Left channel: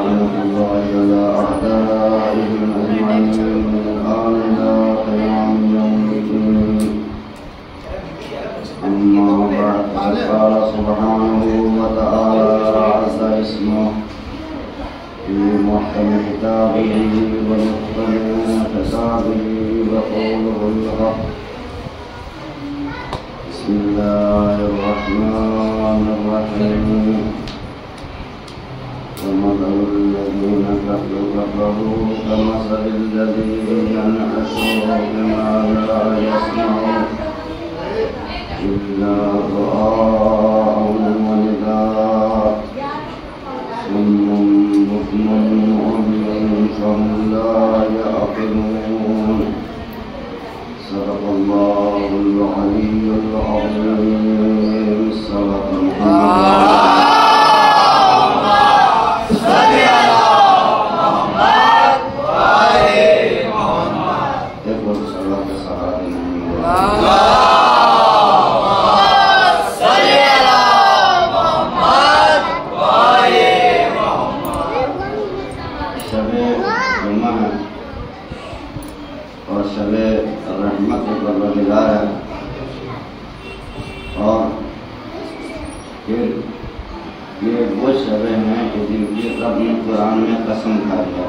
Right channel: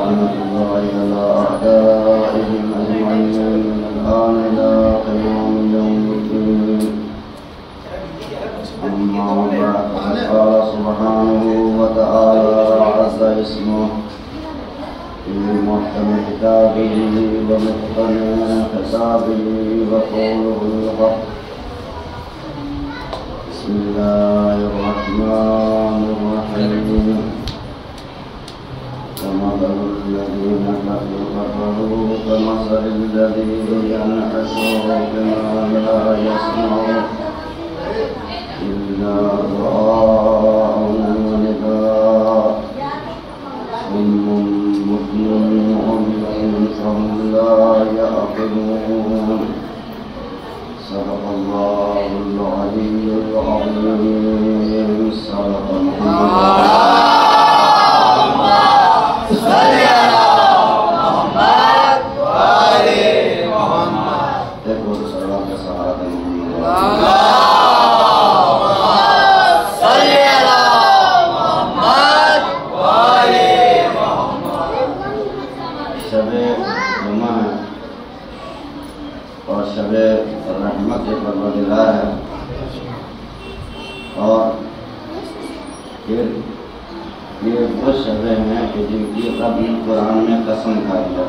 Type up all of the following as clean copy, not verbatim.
لعنة الله على أعدائهم أجمعين من الآن إلى قيام يوم الدين. أما بعد فقد قال سبحانه وتعالى عز اسمه في محكم كتابه ومتقن حسابه وقوله الحق. بسم الله الرحمن الرحيم. ومثل الذين كفروا كمثل الذي ينعس بما لا يسمع إلا دعاء ونداء صم بكم عمي فهم لا يعقلون. صدق الله العلي العظيم. صدق محمد. اور شب رحمت پروردگار ہے، اور پھر یہ وہ شبیں ہیں کہ جن کی رب نے قرآن میں قسم کھا دیا.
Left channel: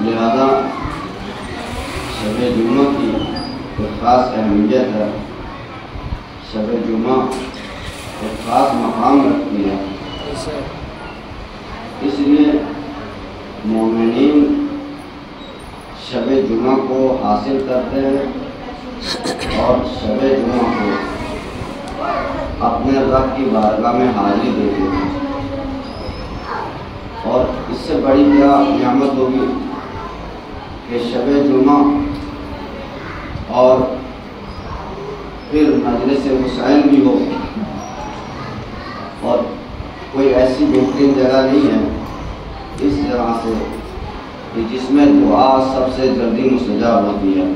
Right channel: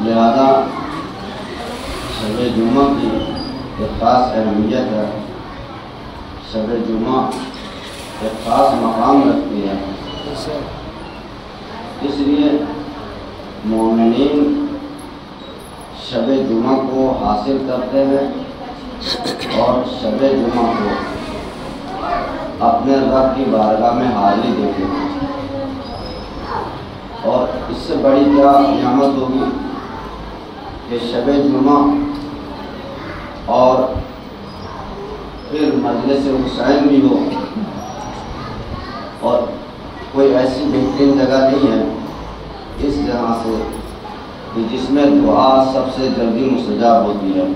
لہذا شب جمعہ کی ایک خاص اہمیت ہے. شب جمعہ ایک خاص مقام رکھتی ہے. اس لیے مومنین شب جمعہ کو حاصل کرتے ہیں اور شب جمعہ کو اپنے رب کی بارگاہ میں حاضری دیتے ہیں. اور اس سے بڑی کیا نعمت ہوگی کہ شب جمعہ اور پھر مجلس حسین بھی ہو. اور کوئی ایسی بہترین جگہ نہیں ہے اس جگہ سے کہ جس میں دعا سب سے جلدی مستجاب ہوتی ہے.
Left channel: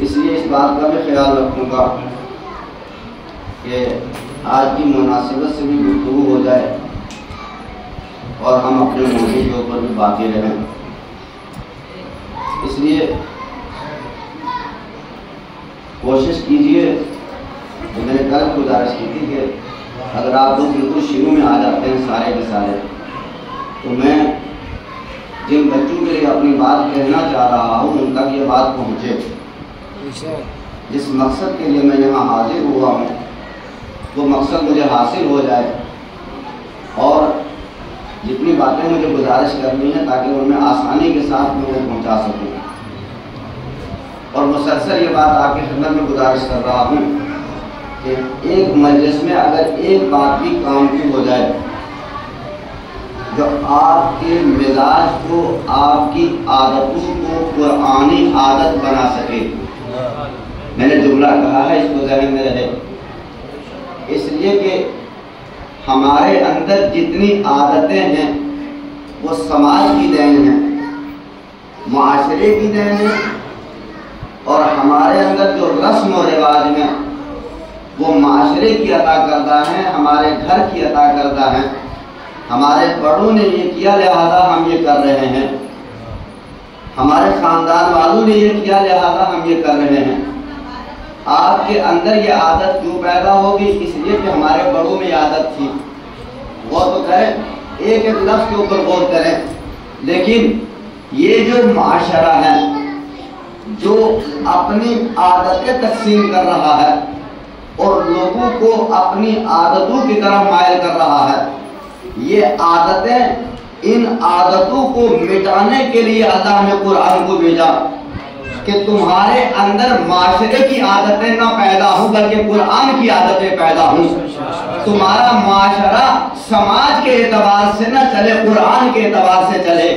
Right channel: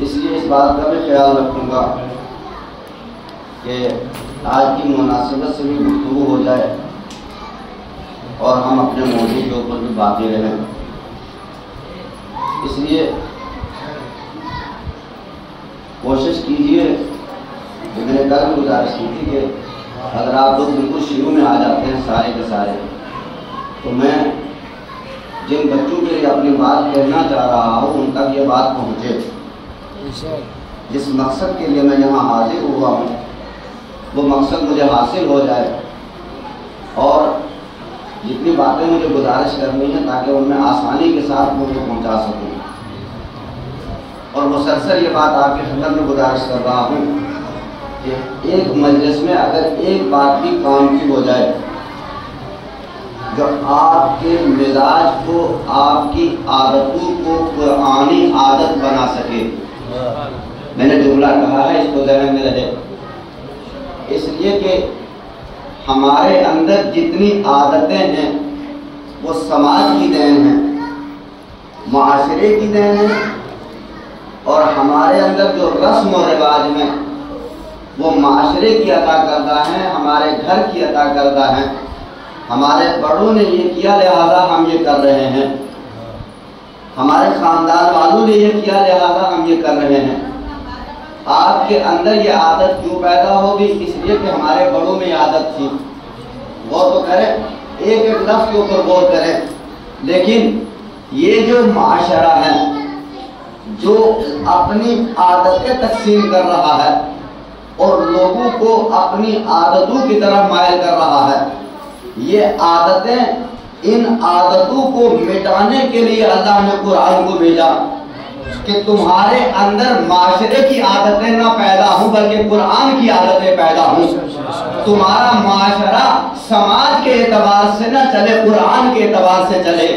اس لیے اس بات کا بھی خیال رکھوں گا کہ آج کی مناسبت سے بھی گفتگو ہو جائے اور ہم اپنے موضوع کے اوپر بھی باقی رہیں. اس لیے کوشش کیجئے کہ میں نے کل گزارش کی تھی کہ اگر آپ لوگ بالکل شروع میں آ جاتے ہیں سارے کے سارے، تو میں جن بچوں کے لیے اپنی بات کہنا چاہ رہا ہوں ان تک یہ بات پہنچے. جس مقصد کے لیے میں یہاں حاضر ہوا ہوں وہ مقصد مجھے حاصل ہو جائے، اور جتنی باتیں مجھے گزارش کرنی ہے تاکہ ان میں آسانی کے ساتھ مجھے پہنچا سکوں. اور مسلسل یہ بات آپ کی خدمت میں گزارش کر رہا ہوں کہ ایک مجلس میں اگر ایک بات بھی کام کی ہو جائے جو آپ کے مزاج کو، آپ کی عادتوں کو قرآنی عادت بنا سکے. میں نے جملہ کہا ہے، اس کو ذہن میں رہے. اس لیے کہ ہمارے اندر جتنی عادتیں ہیں وہ سماج کی دین ہیں، معاشرے کی دین ہے، اور ہمارے اندر جو رسم و رواج ہیں وہ معاشرے کی عطا کردہ ہیں، ہمارے گھر کی عطا کردہ ہیں. ہمارے بڑوں نے یہ کیا لہذا ہم یہ کر رہے ہیں، ہمارے خاندان والوں نے یہ کیا لہذا ہم یہ کر رہے ہیں. آپ کے اندر یہ عادت کیوں پیدا ہوگی؟ اس لیے کہ ہمارے بڑوں میں یہ عادت تھی. غور تو کریں، ایک ایک لفظ کے اوپر غور کریں. لیکن یہ جو معاشرہ ہے جو اپنی عادتیں تقسیم کر رہا ہے اور لوگوں کو اپنی عادتوں کی طرف مائل کر رہا ہے، یہ عادتیں، ان عادتوں کو مٹانے کے لیے اللہ نے قرآن کو بھیجا کہ تمہارے اندر معاشرے کی عادتیں نہ پیدا ہوں بلکہ قرآن کی عادتیں پیدا ہوں. تمہارا معاشرہ سماج کے اعتبار سے نہ چلے، قرآن کے اعتبار سے چلے.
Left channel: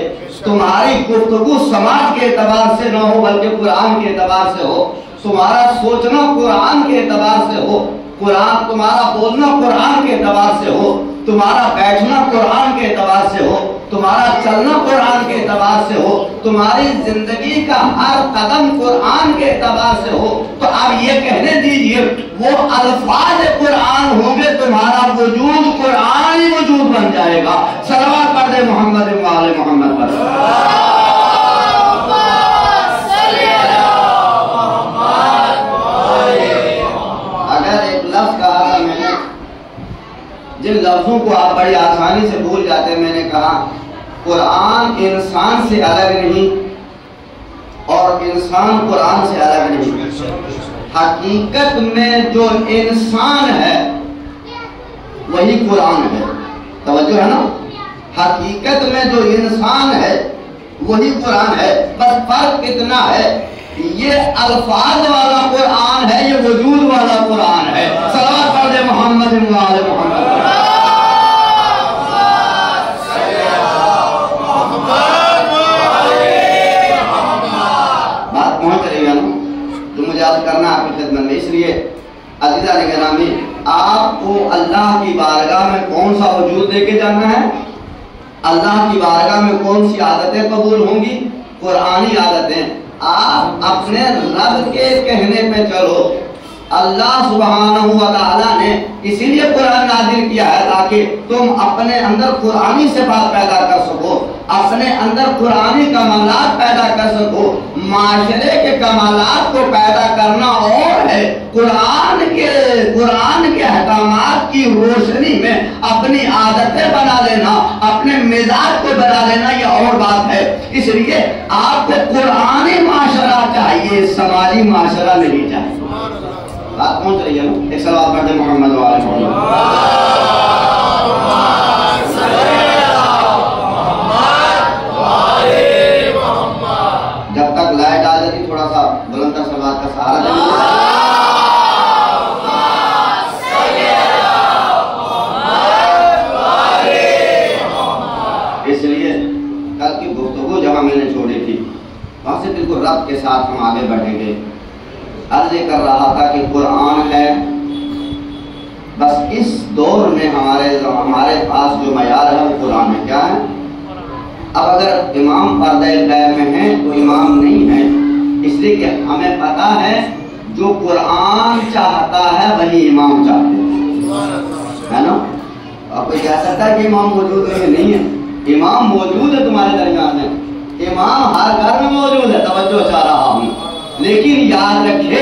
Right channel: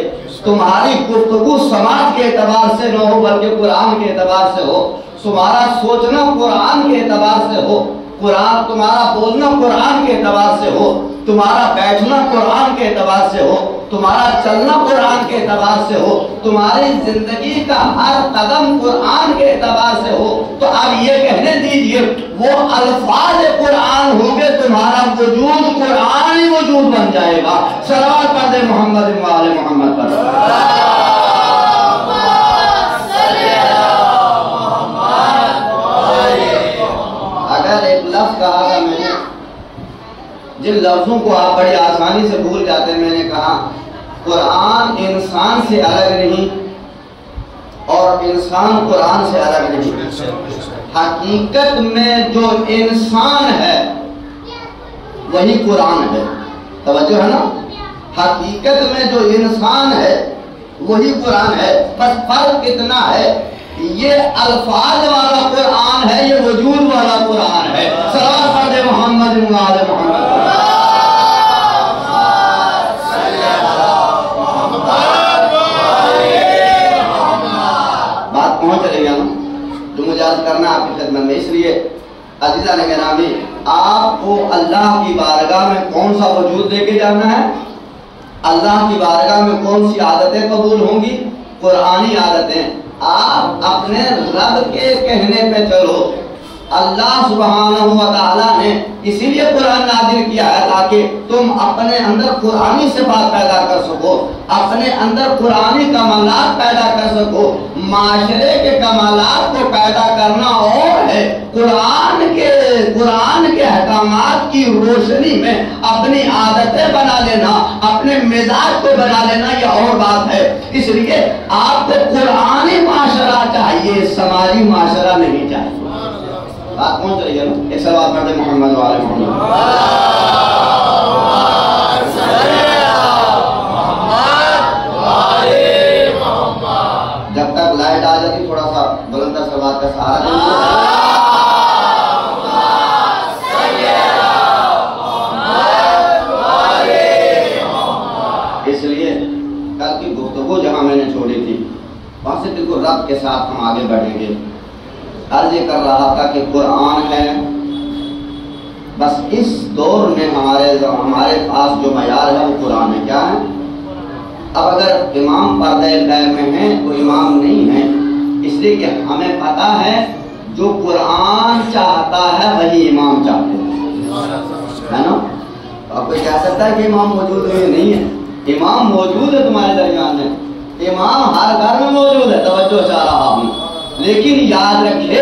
تمہاری گفتگو سماج کے اعتبار سے نہ ہو بلکہ قرآن کے اعتبار سے ہو. تمہارا سوچنا قرآن کے اعتبار سے ہو، تمہارا بولنا قرآن کے اعتبار سے ہو، تمہارا بیٹھنا قرآن کے اعتبار سے ہو، تمہارا چلنا قرآن کے اعتبار سے ہو، تمہاری زندگی کا ہر قدم قرآن کے اعتبار سے ہو. تو آپ یہ کہنے دیجئے وہ الفاظ قرآن ہوں گے لفظ کہا تھا میں نے، جن لفظوں کو آپ بڑی آسانی سے بھول جاتے ہیں، میں نے کہا قرآن انسان سے الگ نہیں اور انسان قرآن سے الگ نہیں۔ حقیقت میں جو انسان ہے وہی قرآن ہے، توجہ ہے نا؟ حقیقت میں جو انسان ہے وہی قرآن ہے، بس فرق اتنا ہے یہ الفاظ والا قرآن ہے، یہ وجود والا قرآن ہے۔ صلوات پڑھ دے محمد وآل محمد۔ بات پہنچ رہی ہے جو مجھے عرض کرنا آپ کی خدمت میں، اس لیے عزیزان گرامی آپ کو اللہ کی بارگاہ میں کون سا وجود لے کے جانا ہے؟ اللہ کی بارگاہ میں کون سی عادتیں قبول ہوں گی؟ قرآنی عادتیں۔ آپ اپنے رب کے کہنے پہ چلو۔ اللہ سبحانہ و تعالیٰ نے اسی لیے قرآن نازل کیا ہے تاکہ تم اپنے اندر قرآنی صفات پیدا کر سکو، اپنے اندر قرآنی کمالات پیدا کر سکو۔ معاشرے کے کمالات کو پیدا کرنا اور ہے، قرآن کے احکامات کی روشنی میں اپنی عادتیں بنا لینا، اپنے مزاج کو بنا لینا، یہ اور بات ہے۔ اس لیے آپ کو قرآنی معاشرہ چاہیے، سماجی معاشرہ نہیں چاہیے۔ بات پہنچ رہی ہے نا؟ ایک صلوات پڑھ دے محمد وآل محمد۔ جب تک لائٹ آ جاتی تھوڑا سا بلند تر صلوات کا سہارا دیں۔ اس لیے کل کی گفتگو جہاں میں نے چھوڑی تھی وہاں سے بالکل رب کے ساتھ ہم آگے بڑھیں گے۔ عرض کر رہا تھا کہ قرآن ہے، بس اس دور میں ہمارے پاس جو معیار ہے وہ قرآن ہے۔ کیا ہے؟ اب اگر امام پردہ غیب میں ہیں تو امام نہیں ہے، اس لیے کہ ہمیں پتا ہے جو قرآن چاہتا ہے وہی امام چاہتے ہیں، ہے نا؟ اب کوئی کہہ سکتا ہے کہ امام موجود نہیں ہے؟ امام موجود ہے تمہارے درمیان میں، امام ہر گھر میں موجود ہے، توجہ چاہ رہا ہوں۔ لیکن یاد رکھے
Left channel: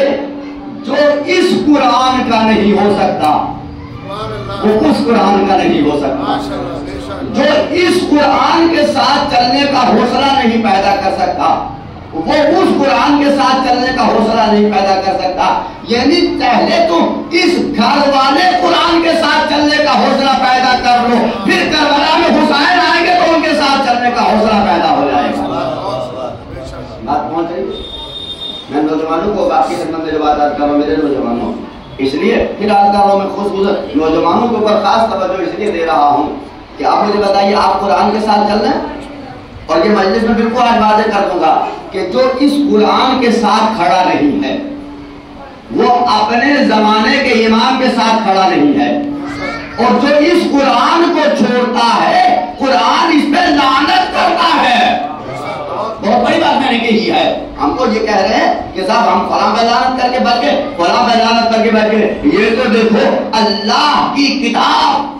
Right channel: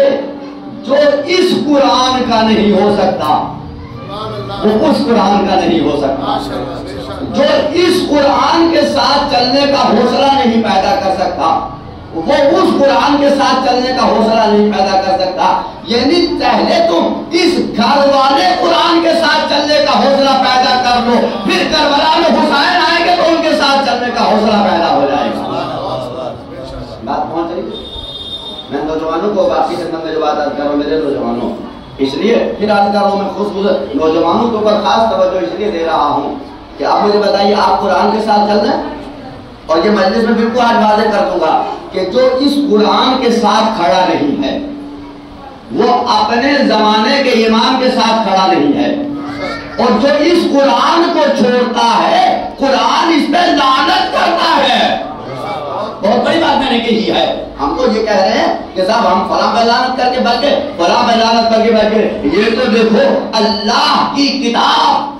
جو اس قرآن کا نہیں ہو سکتا وہ اس قرآن کا نہیں ہو سکتا، جو اس قرآن کے ساتھ چلنے کا حوصلہ نہیں پیدا کر سکتا وہ اس قرآن کے ساتھ چلنے کا حوصلہ نہیں پیدا کر سکتا۔ یعنی پہلے تم اس گھر والے قرآن کے ساتھ چلنے کا حوصلہ پیدا کر لو، پھر کربلا میں حسین آئیں گے تو ان کے ساتھ چلنے کا حوصلہ پیدا ہو جائے گا۔ بات پہنچ رہی ہے؟ میں نوجوانوں کو آپ کی خدمت میں جو بات عرض کر رہا ہوں، میرے نوجوانوں، اس لیے پھر عرض کر رہا ہوں میں خصوصاً نوجوانوں کے اوپر خاص توجہ اس لیے دے رہا ہوں کہ آپ مجھے بتائیے آپ قرآن کے ساتھ چل رہے ہیں؟ اور یہ مجلس میں بالکل آج واضح کر دوں گا کہ جو اس قرآن کے ساتھ کھڑا نہیں ہے وہ اپنے زمانے کے امام کے ساتھ کھڑا نہیں ہے، اور جو اس قرآن کو چھوڑتا ہے قرآن اس پہ لعنت کرتا ہے۔ بہت بڑی بات میں نے کہی ہے۔ ہم کو یہ کہہ رہے ہیں کہ صاحب ہم فلاں پہ لعنت کر کے بیٹھ گئے، فلاں پہ لعنت کر کے بیٹھ گئے۔ یہ تو دیکھو اللہ کی کتاب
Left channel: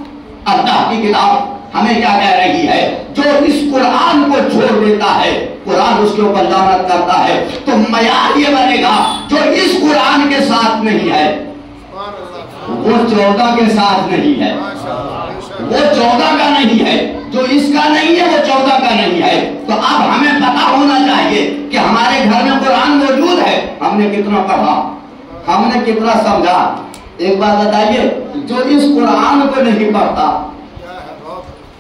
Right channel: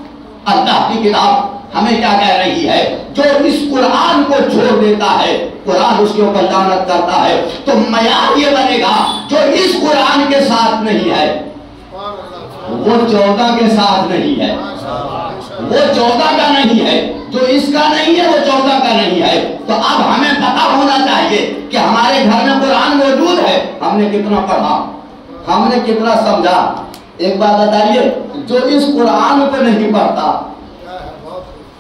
ہمیں کیا کہہ رہی ہے؟ جو اس قرآن کو چھوڑ دیتا ہے قرآن اس کے اوپر لعنت کرتا ہے۔ تو معیار یہ بنے گا جو اس قرآن کے ساتھ نہیں ہے وہ 14 کے ساتھ نہیں ہے، وہ 14 کا نہیں ہے، جو اس کا نہیں ہے وہ 14 کا نہیں ہے۔ تو اب ہمیں پتا ہونا چاہیے کہ ہمارے گھر میں قرآن موجود ہے، ہم نے کتنا پڑھا، ہم نے کتنا سمجھا۔ ایک بات بتائیے، جو اس قرآن کو نہیں پڑھتا،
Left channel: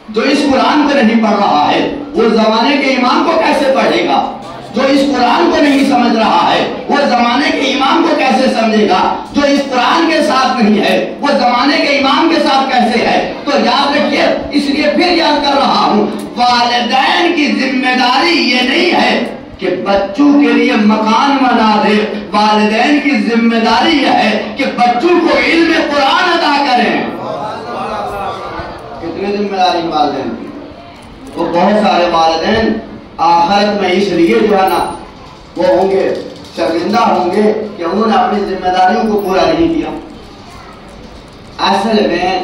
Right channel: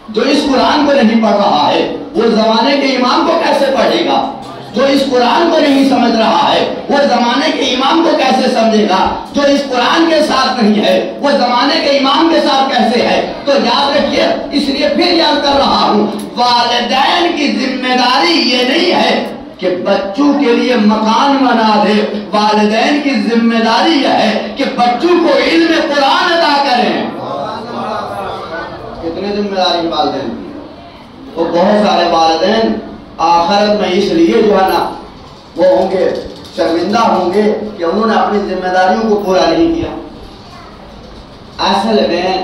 جو اس قرآن کو نہیں پڑھ رہا ہے وہ زمانے کے امام کو کیسے پڑھے گا؟ جو اس قرآن کو نہیں سمجھ رہا ہے وہ زمانے کے امام کو کیسے سمجھے گا؟ جو اس قرآن کے ساتھ نہیں ہے وہ زمانے کے امام کے ساتھ کیسے ہے؟ تو یاد رکھیے، اس لیے پھر یاد کر رہا ہوں، والدین کی ذمہ داری یہ نہیں ہے کہ بچوں کے لیے مکان بنا دے، والدین کی ذمہ داری یہ ہے کہ بچوں کو علم قرآن عطا کریں۔ کتنے ذمہ داری والدین کی؟ وہ بہت سارے والدین آخرت میں اس لیے جو ہے نا وہ ہوں گے، شرمندہ ہوں گے کہ انہوں نے اپنی ذمہ داریوں کو پورا نہیں کیا۔ اصل میں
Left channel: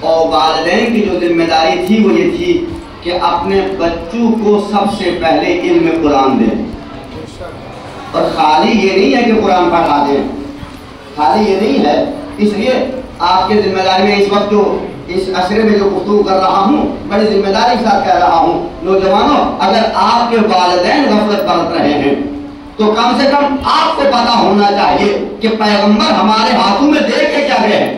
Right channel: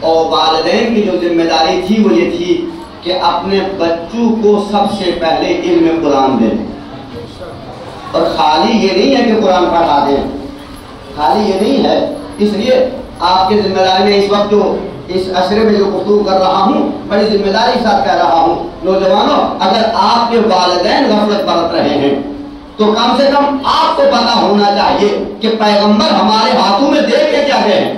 اور والدین کی جو ذمہ داری تھی وہ یہ تھی کہ اپنے بچوں کو سب سے پہلے علم قرآن دیں، اور خالی یہ نہیں ہے کہ قرآن پڑھا دیں، خالی یہ نہیں ہے اس لیے آپ کے ذمہ داری میں اس وقت جو اس عشرے میں جو گفتگو کر رہا ہوں بڑی ذمہ داری کے ساتھ کہہ رہا ہوں، نوجوانوں اگر آپ کے والدین غفلت برت رہے ہیں تو کم سے کم آپ کو پتا ہونا چاہیے کہ پیغمبر ہمارے ہاتھوں میں دے کے کیا گئے ہیں،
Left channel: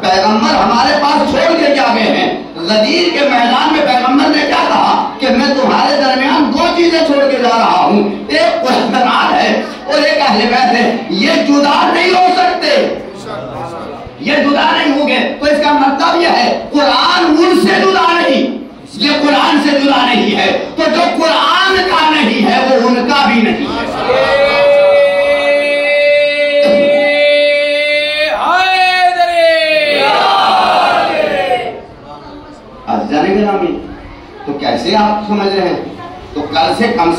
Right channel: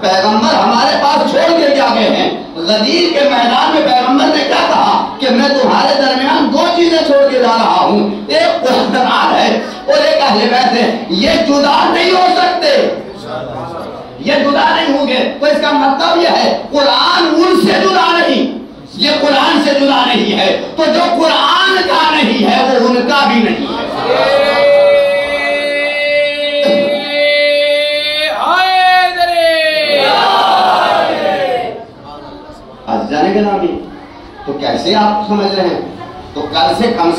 پیغمبر ہمارے پاس چھوڑ کے کیا گئے ہیں۔ غدیر کے میدان میں پیغمبر نے کیا کہا کہ میں تمہارے درمیان دو چیزیں چھوڑ کے جا رہا ہوں، ایک قرآن ہے اور ایک اہل بیت ہے، یہ جدا نہیں ہو سکتے، یہ جدا نہیں ہوں گے۔ تو اس کا مطلب یہ ہے قرآن ان سے جدا نہیں، یہ قرآن سے جدا نہیں ہے، تو جو قرآن کا نہیں ہے وہ ان کا بھی نہیں ہے۔ جانے کے نامی تو کیسے آپ سمجھ رہے ہیں؟ تو کل سے کم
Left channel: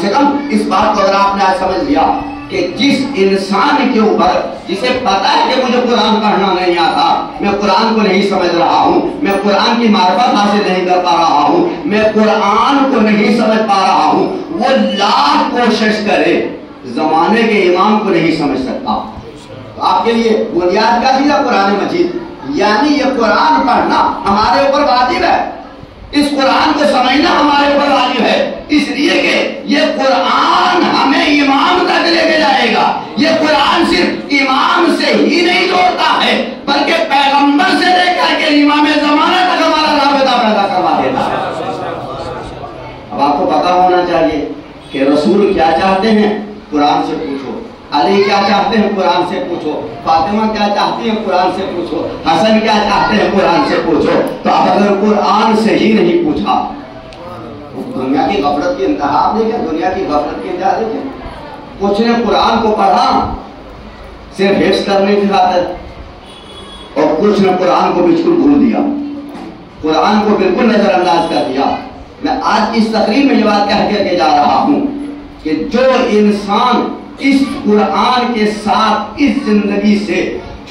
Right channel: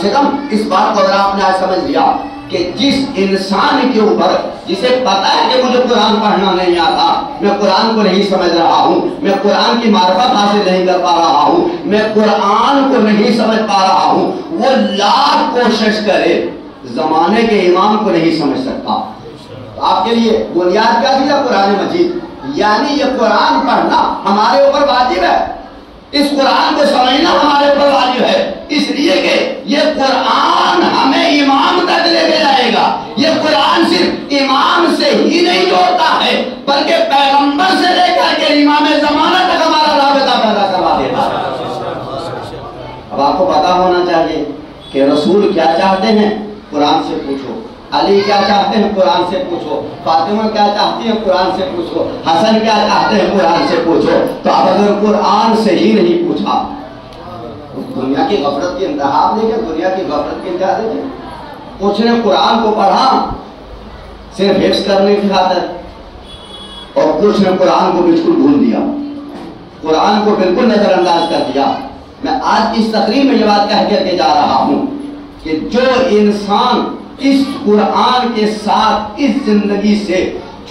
اس بات کو اگر آپ نے آج سمجھ لیا کہ جس انسان کے اوپر جسے پتا ہے کہ مجھے قرآن پڑھنا نہیں آتا، میں قرآن کو نہیں سمجھ رہا ہوں، میں قرآن کی معرفت حاصل نہیں کر پا رہا ہوں، میں قرآن کو نہیں سمجھ پا رہا ہوں، وہ لاکھ کوشش کرے زمانے کے امام کو نہیں سمجھ سکتا۔ تو آپ کے لیے بنیاد کیا تھی قرآن مجید، یعنی یہ قرآن پڑھنا ہمارے اوپر واجب ہے، اس قرآن کو سمجھنا ہمارے اوپر واجب ہے، اس لیے کہ یہ قرآن ہمیں امام تک لے کے جائے گا۔ یہ قرآن صرف امام سے ہی نہیں جوڑتا ہے بلکہ پیغمبر سے لے کر کے امام زمانہ تک ہمارا رابطہ پیدا کروا دیتا ہے۔ اب آپ کو پتا ہونا چاہیے کہ رسول کیا چاہتے ہیں، قرآن سے پوچھو، علی کیا چاہتے ہیں قرآن سے پوچھو، فاطمہ کیا چاہتی ہیں قرآن سے پوچھو، حسن کیا چاہتے ہیں قرآن سے پوچھو۔ تو اب اگر قرآن سے ہی نہیں پوچھا، دنیا کی غفلت کی انتہا آپ نے کیا، دنیا کی غفلت کی انتہا دیکھیں، کچھ نے قرآن کو پڑھا صرف حفظ کرنے کی خاطر اور کچھ نے قرآن کو بالکل بھول دیا، قرآن کو بالکل نظر انداز کر دیا۔ میں آج اس تقریر میں یہ بات کہہ کے جا رہا ہوں کہ جو انسان اس قرآن کے ساتھ اس زندگی سے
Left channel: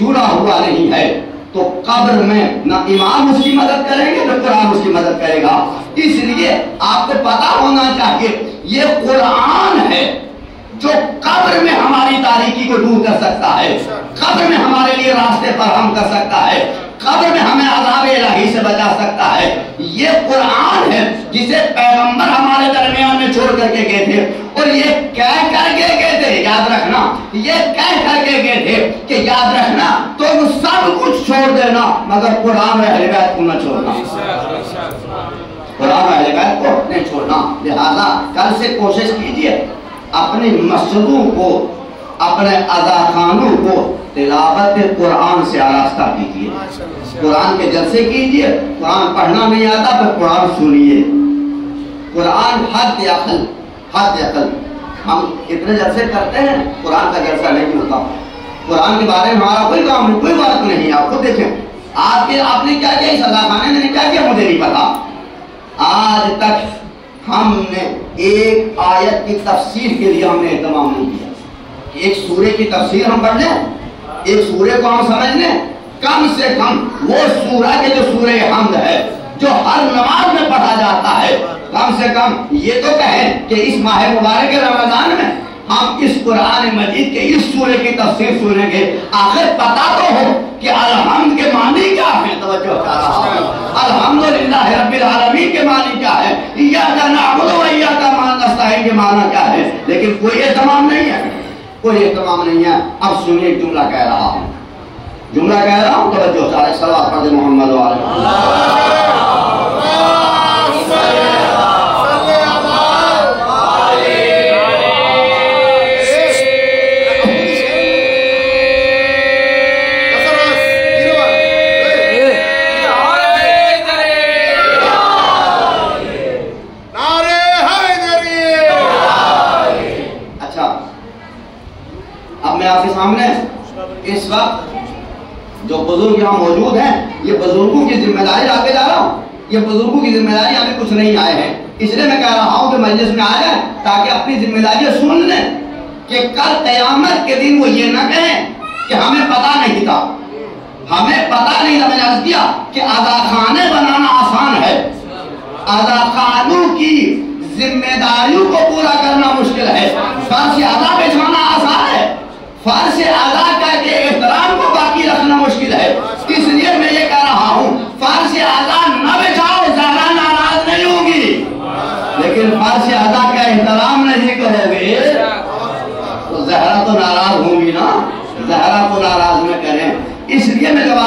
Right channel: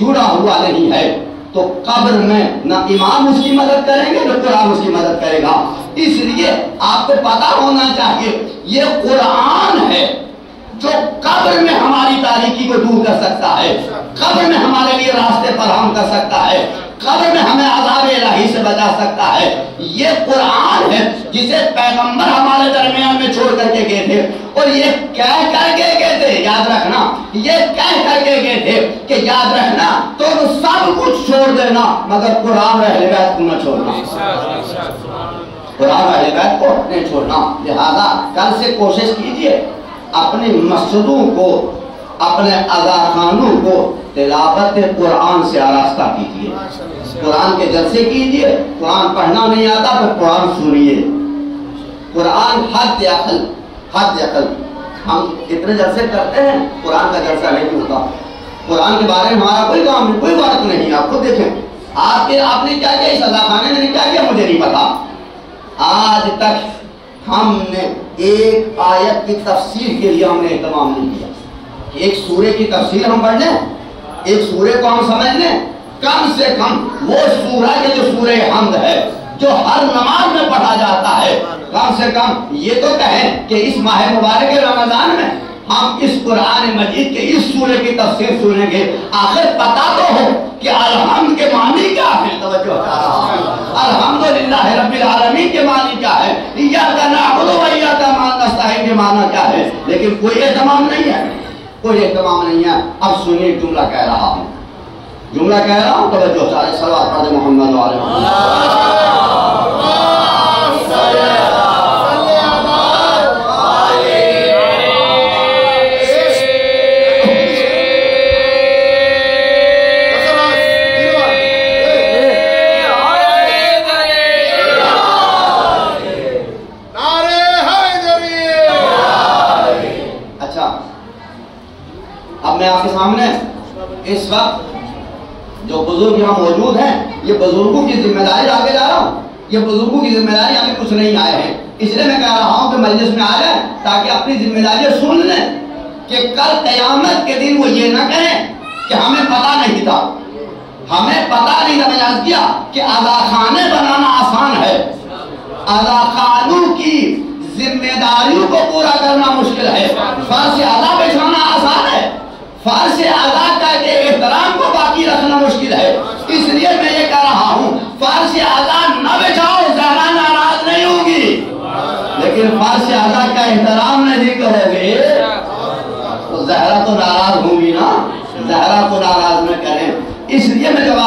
جڑا ہوا نہیں ہے تو قبر میں نہ امام اس کی مدد کریں گے نہ قرآن اس کی مدد کرے گا۔ اس لیے آپ کو پتا ہونا چاہیے یہ قرآن ہے جو قبر میں ہماری تاریکی کو دور کر سکتا ہے، قبر میں ہمارے لیے راستے فراہم کر سکتا ہے، قبر میں ہمیں عذاب الہی سے بچا سکتا ہے۔ یہ قرآن ہے جسے پیغمبر ہمارے درمیان میں چھوڑ کر کے گئے تھے اور یہ کہہ کر کے گئے تھے، یاد رکھنا، یہ کہہ کر کے گئے تھے کہ یاد رکھنا تم سب کچھ چھوڑ دینا مگر قرآن اور اہل بیت کو نہ چھوڑنا، قرآن اور اہل بیت کو نہیں چھوڑنا۔ لہذا کل سے کوشش کیجئے اپنی مسجدوں کو، اپنے اذاخانوں کو تلاوت قرآن سے آراستہ کیجئے، قرآن کے جلسے کیجئے۔ قرآن پڑھنا نہیں آتا تو قرآن سنیے، قرآن حد عقل، حد عقل۔ ہم اتنے جلسے کرتے ہیں، قرآن کا جلسہ نہیں ہوتا، قرآن کے بارے میں ہمارا کوئی کام نہیں، کوئی بات نہیں۔ آپ خود دیکھیں آپ نے کیا کیا، اس اذاخانے نے کیا کیا مجھے نہیں پتا۔ آج تک ہم نے ایک آیت کی تفسیر کے لیے ہم نے اہتمام نہیں کیا کہ ایک سورے کی تفسیر ہم پڑھ لیں، ایک سورے کو ہم سمجھ لیں، کم سے کم وہ سورہ کے جو سورہ حمد ہے جو ہر نماز میں پڑھا جاتا ہے، کم سے کم یہ تو کہیں کہ اس ماہ مبارک رمضان میں ہم اس قرآن مجید کے اس سورے کی تفسیر سنیں گے، آخر پتا تو ہو کہ الحمد کے معنی کیا ہے۔ توجہ، الحمدللہ رب العالمین کے معنی کیا ہے، ایاک نعبد و ایاک نستعین کے معنی کیا ہے، لیکن کوئی اہتمام نہیں ہے، کوئی اہتمام نہیں ہے۔ اب سنیے جملہ کہہ رہا ہوں، جملہ کہہ رہا ہوں، توجہ چاہے صلوات پڑھ دے محمد و آل محمد۔ اس وقت جو بزرگ یہاں موجود ہیں، یہ بزرگوں کی ذمہ داری آگے جا رہا ہوں، یہ بزرگوں کی ذمہ داری آگے کچھ نہیں آئے ہیں، اس لیے میں کہہ رہا ہوں کہ مجلس میں آ جائیں تاکہ اپنی ذمہ داریاں سن لیں کہ کل قیامت کے دن وہ یہ نہ کہیں کہ ہمیں پتا نہیں تھا، ہمیں پتا نہیں تھا۔ میں نے عرض کیا کہ اذاخانے بنانا آسان ہے، اذاخانوں کی ذمہ داریوں کو پورا کرنا مشکل ہے۔ فرض ادا بچھانا آسان ہے، فرض ادا کر کے احترام کو باقی رکھنا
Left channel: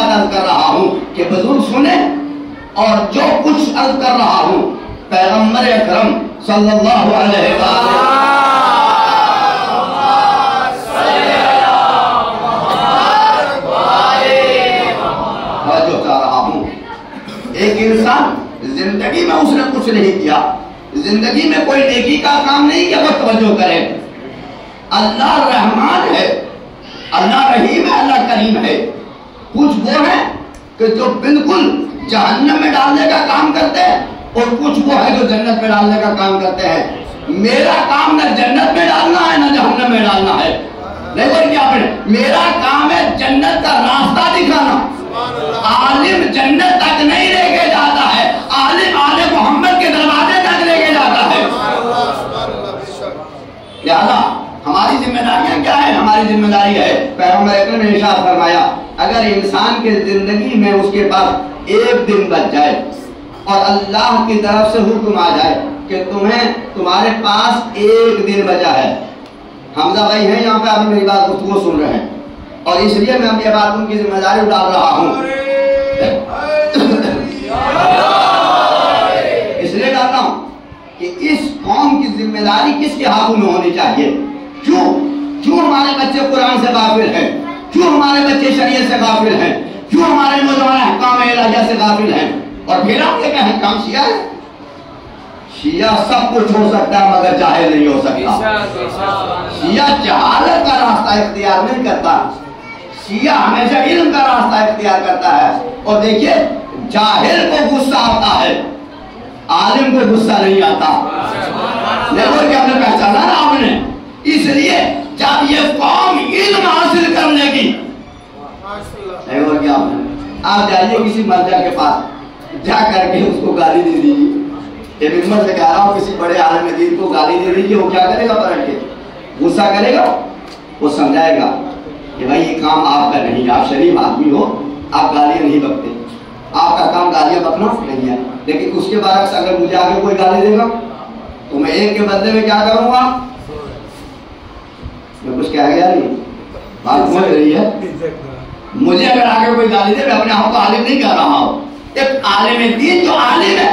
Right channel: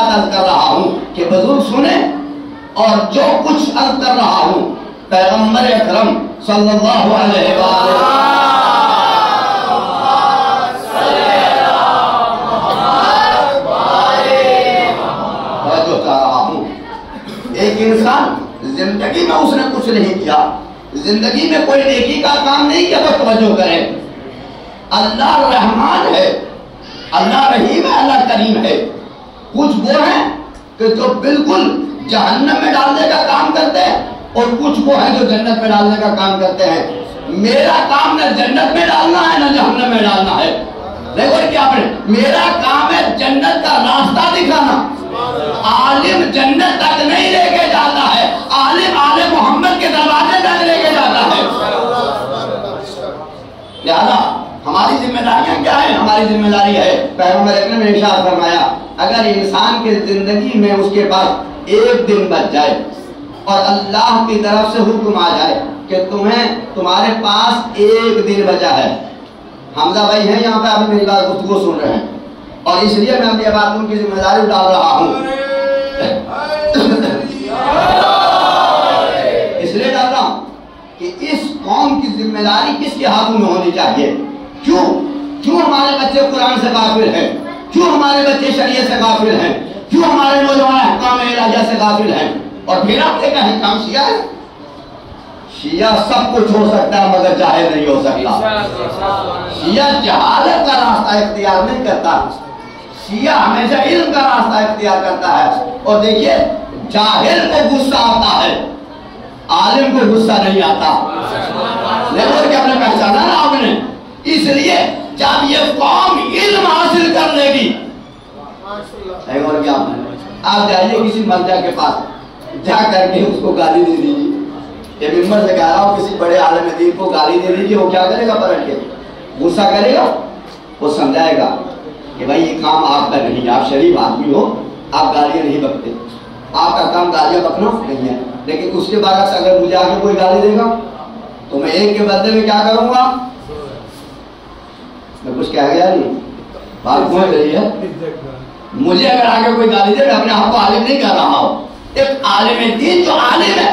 بات عرض کر رہا ہوں کہ بزرگ سنیں، اور جو کچھ عرض کر رہا ہوں پیغمبر اکرم صلی اللہ علیہ وسلم ایک انسان زندگی میں اس نے کچھ نہیں کیا، زندگی میں کوئی نیکی کا کام نہیں کیا، وہ توجہ کرے۔ اللہ رحمان ہے، اللہ رحیم ہے، اللہ کریم ہے۔ کچھ وہ ہیں کہ جو بالکل جہنم میں ڈالنے کا کام کرتے ہیں، اور کچھ وہ ہیں جو جنت میں ڈالنے کا کام کرتے ہیں۔ میرا کام نہ جنت میں ڈالنا ہے نہ جہنم میں ڈالنا ہے، دیکھو کیا پڑھے، میرا کام ہے جنت کا راستہ دکھانا۔ عالم جنت تک نہیں لے کے جاتا ہے، عالم آل محمد کے دروازے تک لے کے جاتا ہے۔ لہذا ہماری ذمہ داریاں کیا ہیں؟ ہماری ذمہ داری ہے، پیغمبر اکرم نے ارشاد فرمایا، اگر انسان کی زندگی میں اس کے پاس ایک دن بچ جائے اور اللہ کی طرف سے حکم آ جائے کہ تمہارے پاس ایک دن بچا ہے۔ حمزہ بھائی ہیں یہاں پہ، ابھی میری بات گفتگو سن رہے ہیں، اور اس لیے میں یہ بات ان کی ذمہ داری ڈال رہا ہوں، اس لیے ڈال رہا ہوں کہ اس قوم کی ذمہ داری کس کے ہاتھوں میں ہونی چاہیے۔ کیوں ہمارے بچے قرآن سے غافل ہیں؟ کیوں ہمارے بچے شریعت سے غافل ہیں؟ کیوں ہمارے نوجوان احکام الہیہ سے غافل ہیں؟ اور پھر آپ یہ کہیں کام شیعہ ہے؟ شیعہ سب کچھ ہو سکتا ہے مگر جاہل نہیں ہو سکتا۔ شیعہ جہالت کا راستہ اختیار نہیں کرتا، شیعہ ہمیشہ علم کا راستہ اختیار کرتا ہے۔ اور دیکھیے جاہل کو غصہ آتا ہے، عالم کو غصہ نہیں آتا۔ لیکن کیا آپ نے پہچانا نا آپ نے؟ اس لیے جب یہ قوم علم حاصل کر لے گی، آپ جائیے کسی مرجع کے پاس، جا کر کے اس کو گالی دے دیجیے، یہ ممبر سے کہہ رہا ہوں، کسی بڑے عالم دین کو گالی دے دیجیے، وہ کیا کرے گا؟ پلٹ کے غصہ کرے گا، وہ سمجھائے گا کہ بھائی یہ کام آپ کا نہیں، آپ شریف آدمی ہو، آپ گالیاں نہیں بکتے، آپ کا کام گالیاں بکنا نہیں ہے۔ لیکن اس کے برعکس اگر مجھے آگے کوئی گالی دے گا تو میں ایک کے بدلے میں کیا کروں گا؟ میں کچھ کہہ گیا نہیں، بات سمجھ رہی ہے؟ مجھے اگر آگے کوئی گالی دے، میں اپنے آپ کو عالم نہیں کر رہا ہوں، ایک عالم دین جو عالم ہے،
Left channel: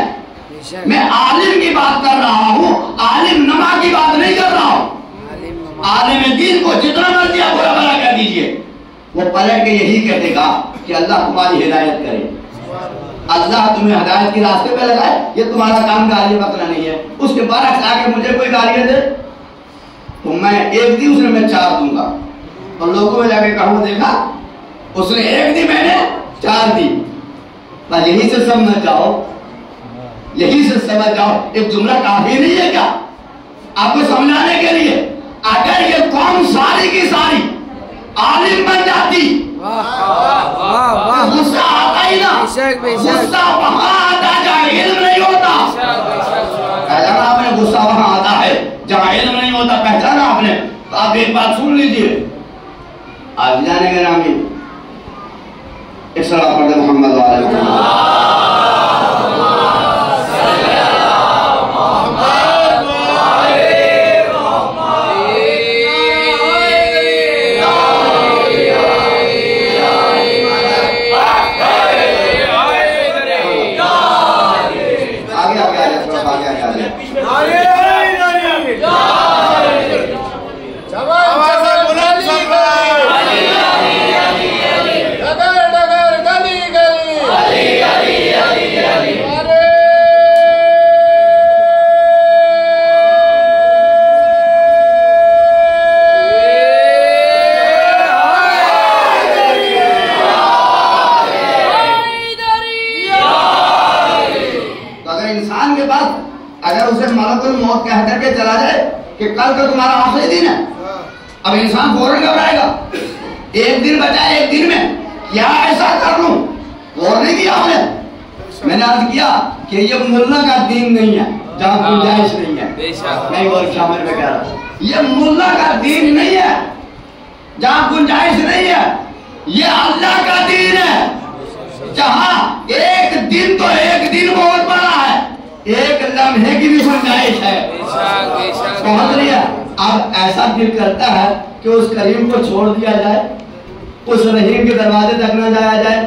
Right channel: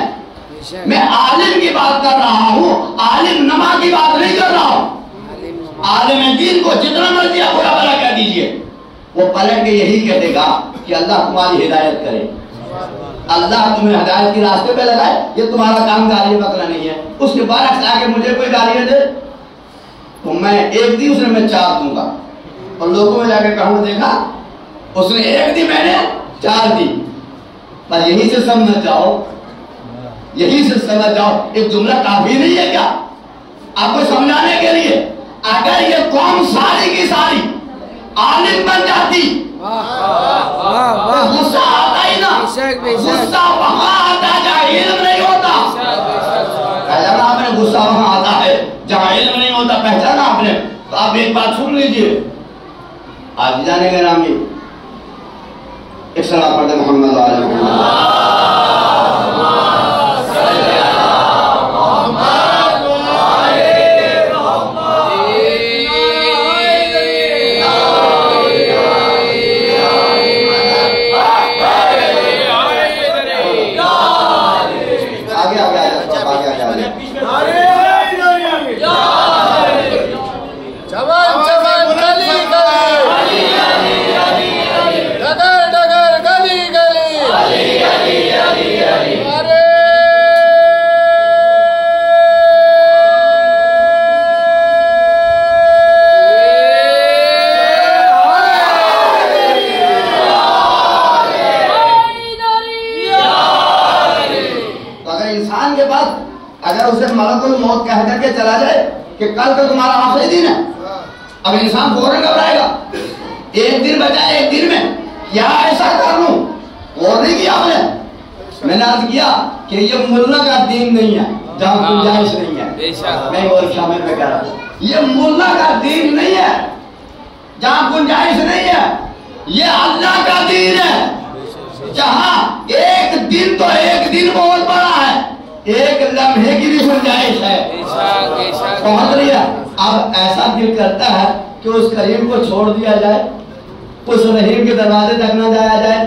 میں عالم کی بات کر رہا ہوں، عالم نما کی بات نہیں کر رہا ہوں۔ عالم دین کو جتنا مرضی آپ برا بھلا کہہ دیجئے، وہ پلٹ کے یہی کہے گا کہ اللہ تمہاری ہدایت کرے، اللہ تمہیں ہدایت کی راستے پہ لگائے، یہ تمہارا کام گالی بکنا نہیں ہے۔ اس کے برعکس آگے مجھے کوئی گالیاں دے تو میں ایک دی اس نے میں 4 دوں گا، اور لوگوں میں جا کے کہوں دیکھا اس نے ایک دی میں نے 4 دی۔ پر یہی سے سمجھ جاؤ، یہی سے سمجھ جاؤ، ایک جملہ کافی نہیں ہے کیا آپ کو سمجھانے کے لیے؟ اگر یہ قوم ساری کی ساری عالم بن جاتی، غصہ آتا ہی نا، غصہ وہاں آتا جہاں علم نہیں ہوتا۔ پہچانا آپ نے؟ غصہ وہاں آتا ہے جہاں علم نہیں ہوتا، پہچانا آپ نے؟ تو آپ ایک بات سن لیجئے، آج جانے گے رامی ایک صلاح پڑھ دے محمد علیہ وسلم۔ کہ کل کا تمہارا آخری دن ہے، اب انسان فوراً گھبرائے گا، ایک دن بچا ہے، ایک دن میں کیا ایسا کر لوں؟ اور نہیں کیا میں نے عرض کیا کہ یہ ملا کا دین نہیں ہے جہاں گنجائش نہیں ہے، میں وہ شامل میں کہہ رہا ہوں، یہ ملا کا دین نہیں ہے جہاں گنجائش نہیں ہے، یہ اللہ کا دین ہے جہاں ایک دن تو ایک دن بہت بڑا ہے، ایک لمحے کی بھی گنجائش ہے۔ سمجھ لیا؟ اب ایسا دل کرتا ہے کہ اس کریم کو چھوڑ دیا جائے، اس رحیم کے دروازے تک نہ جایا جائے،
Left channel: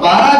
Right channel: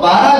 12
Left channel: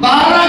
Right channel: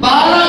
12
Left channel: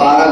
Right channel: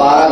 12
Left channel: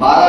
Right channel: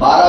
12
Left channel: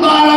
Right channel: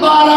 12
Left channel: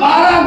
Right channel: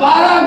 12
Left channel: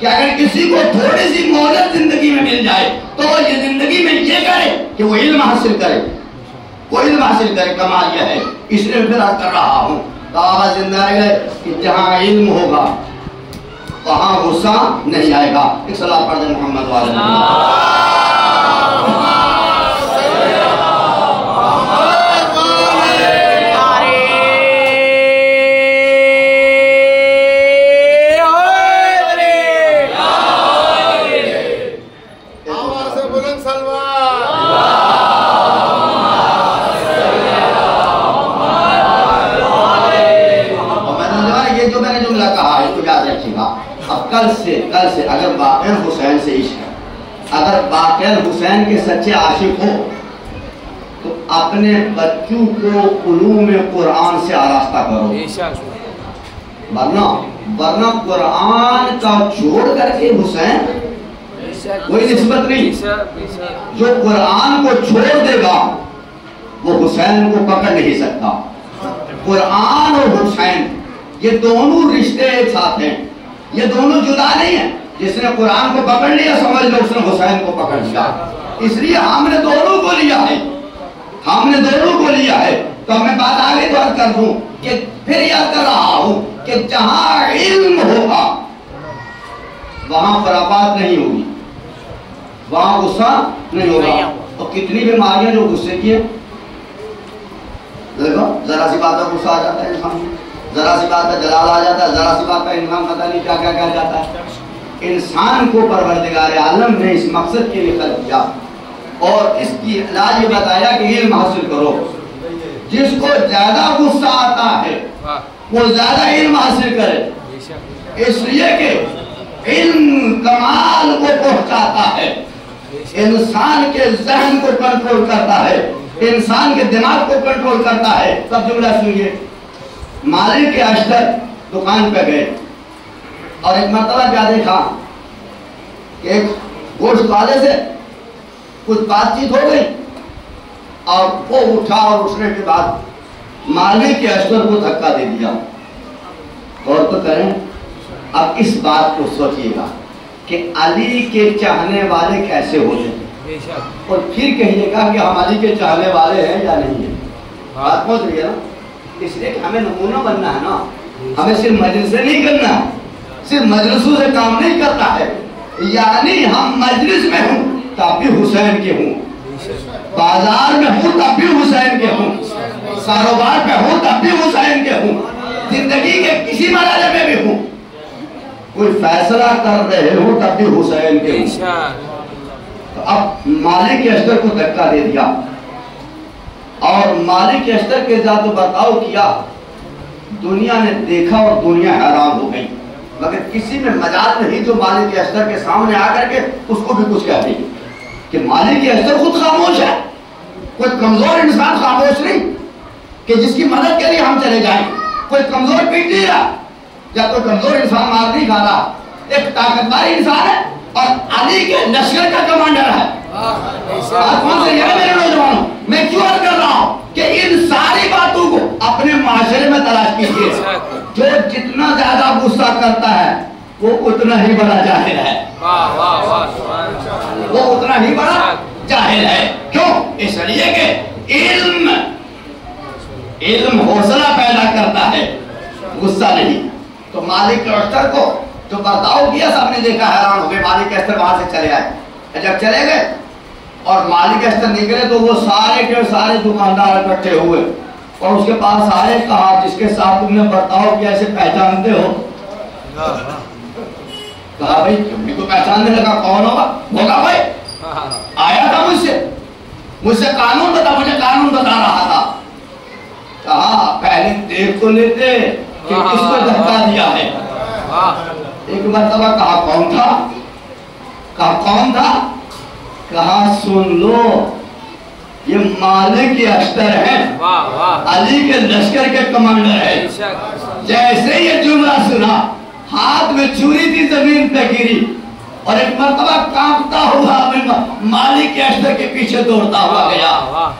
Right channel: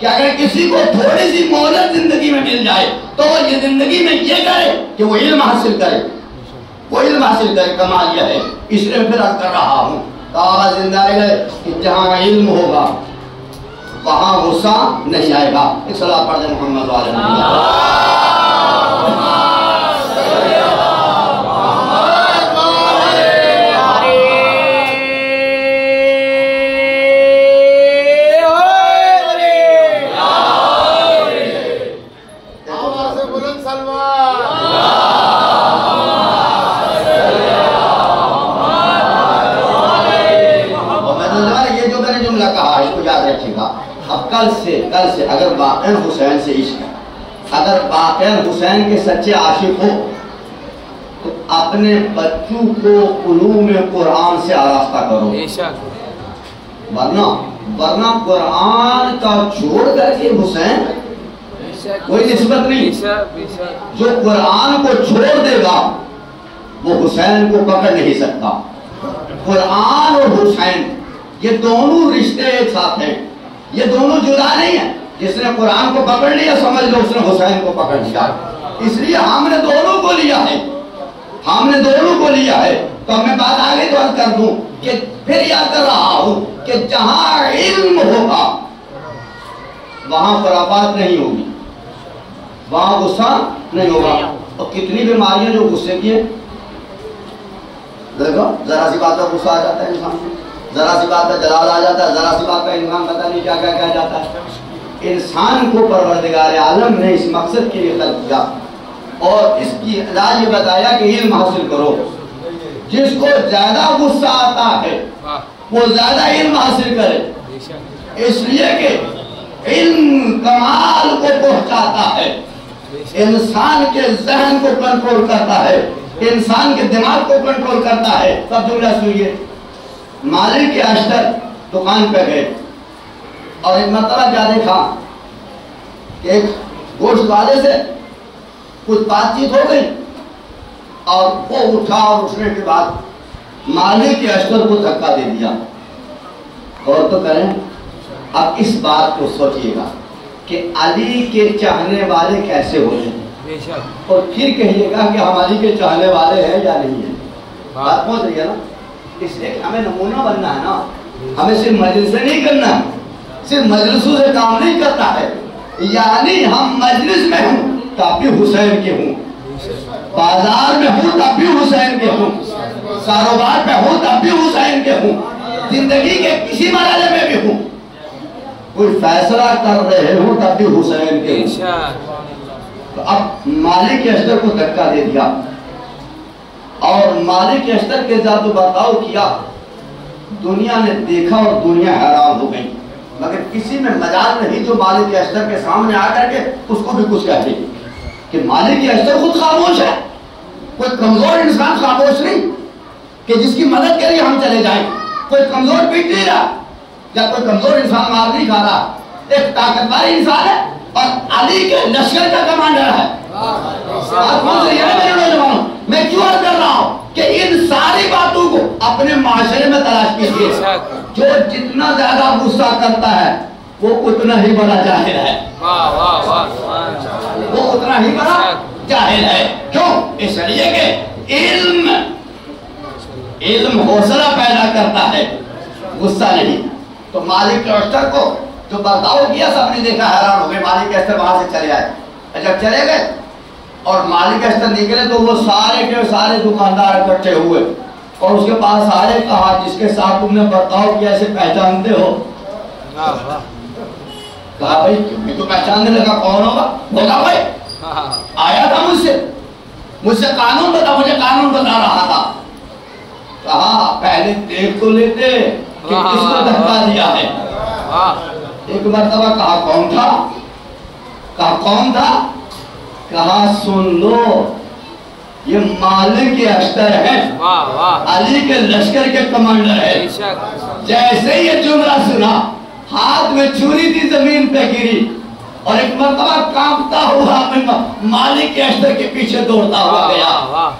کہ اگر کسی کو تھوڑی سی مہلت زندگی میں مل جائے تو یہ زندگی میں یہ کرے کہ وہ علم حاصل کرے، وہ علم حاصل کرے، کمال یہ ہے۔ اس لیے پھر کر رہا ہوں کہا زندہ رہ گئے کہ جہاں علم ہوگا وہاں غصہ نہیں آئے گا۔ ایک صلاۃ پڑھ دیں محمد والے کل سے اگر باقین حسین سے عشق ہے، اگر باقین حسین کے سچے عاشق ہو تو اپنے بچوں کو علوم قرآن سے آراستہ کرو، ورنہ قرآن کا چھوڑ کر کے حسین کوئی نسبت نہیں۔ جو قرآن کو چھوڑ دے گا وہ حسین کو پکڑ نہیں سکتا۔ قرآن اور حسین یہ دونوں رشتے ایک ساتھ ہیں، یہ دونوں جدا نہیں ہیں۔ جس نے قرآن کو پکڑ لیا سمجھ لو اس نے حسین کو پکڑ لیا۔ اس لیے ہم نے دونوں کو لیا ہے، ہم نے دونوں کو لیا ہے۔ تو میں بات آگے تو عرض کر دوں کہ پھر یاد کر رہا ہوں کہ جہاں علم ہوگا وہاں خرافات نہیں ہوگی، وہاں غصہ نہیں ہوگا۔ اور کتنی بیماریاں جو غصے کی ہیں، دیکھو ذرا سی بات پر غصہ آ جاتا ہے انسان کو، ذرا سی بات پر جلال آ جاتا ہے، ذرا سی بات پر انسان پتہ نہیں کیا کیا کہہ جاتا ہے۔ انسان کو پروردگار عالم نے اس مقصد کے لیے خلق کیا اور اس کی علاج یہ بتایا کہ علم حاصل کرو۔ جس کو زیادہ غصہ آتا ہے وہ زیادہ علم حاصل کرے، اس لیے کہ علم کمال کو پہنچاتا ہے، انسان کے ذہن کو کنٹرول کرتا ہے، انسان کے دماغ کو کنٹرول کرتا ہے۔ سب جملہ سنیے۔ مالک کے اشتر دکان پہ گئے اور ایک مرتبہ کیا دیکھا کہ ایک گوشت والے سے کچھ بات چیت ہو گئی اور وہ اٹھا اور اٹھنے کے بعد مالک کے اشتر کو دھکا دے دیا۔ اور تو کریں اب اس بات کو سوچئے گا کہ علی کے چاہنے والے کیسے ہوتے ہیں اور پھر کہیے گا کہ ہم علی کے چاہنے والے ہیں یا نہیں ہیں۔ بات پہنچ رہی ہے نا؟ اس لیے کہ ہمیں نمونہ بننا ہے نا، ہمیں صرف مجلس سے نہیں کرنا ہے، صرف مجلسوں سے کام نہیں کرتا ہے۔ یعنی ہم مجلس میں ہوں تب بھی حسین کے ہوں، بازار میں ہوں تب بھی حسین کے ہوں، کاروبار پہ ہوں تب بھی حسین کے ہوں، زندگی کے کسی مرحلے میں بھی ہوں، کوئی فیصلہ کر رہے ہوں تب بھی حسین کے ہوں۔ تو اب مالک کے اشتر کو دھکا دے دیا اور مالک کے اشتر کے ذات و برتاؤ کیا، دنیا نے دیکھا اور دنیا حیران ہو گئی، مگر کسی میں مجال نہیں جو مالک کے اشتر کے سامنے آ کر کے اس کو بھی کچھ کہتے ہیں کہ مالک کے اشتر خود خاموش ہے۔ کوئی کمزور انسان خاموش نہیں کہ جس کی مدد کے لیے ہم چلے جائیں، کوئی کمزور پیٹ نہیں رہا، جب کوئی کمزور انسان مار نہیں کھا رہا، ایک طاقتور انسان ہے اور علی کے لشکر کا کمانڈر ہے۔ میرے نوجوانوں میں کیوں عرض کر رہا ہوں کہ ان ساری باتوں کو اپنے معاشرے میں تلاش کیجیے۔ جو جتنا زیادہ غصہ کرتا ہے وہ اتنا ہی بڑا جاہل ہے، وہ اتنا ہی بڑا جاہل ہے۔ کیوں؟ اس لیے کہ علم حوصلہ پیدا کرتا ہے، غصہ نہیں۔ تو مالک کے اشتر کو جو برتاؤ کیا سب نے دیکھا، حیران ہو گئے۔ مالک کے اشتر وہاں سے چلے آئے، جب چلے گئے اور مالک اشتر نکلے تو وہ سارے کے سارے دکاندار اکٹھے ہوئے اور اس کے پاس آئے، کہا جس کے ساتھ تم نے برتاؤ کیا اسے پہچانتے ہو؟ کہا بھائی تم کو پہچاننے لگا، کون ہوگا؟ بولا بھائی آیا تھا مجھ سے قانون بتا، مجھے قانون بتا رہا تھا۔ کہا پہلے دیکھ تو لیتے کہ کس کو دھکا دیا ہے۔ ایک مرتبہ کہا کون تھا؟ کہا کون تھا؟ کہا سن لو یہ مالک کے اشتر ہیں، علی کے لشکر کے کمانڈر ہیں۔ جیسے یہ جملہ سنا ہاتھ میں چھری تھی زمین پہ گری اور ایک مرتبہ کانپتا ہوا مالک کے اشتر کے پیچھے دوڑتا ہوا گیا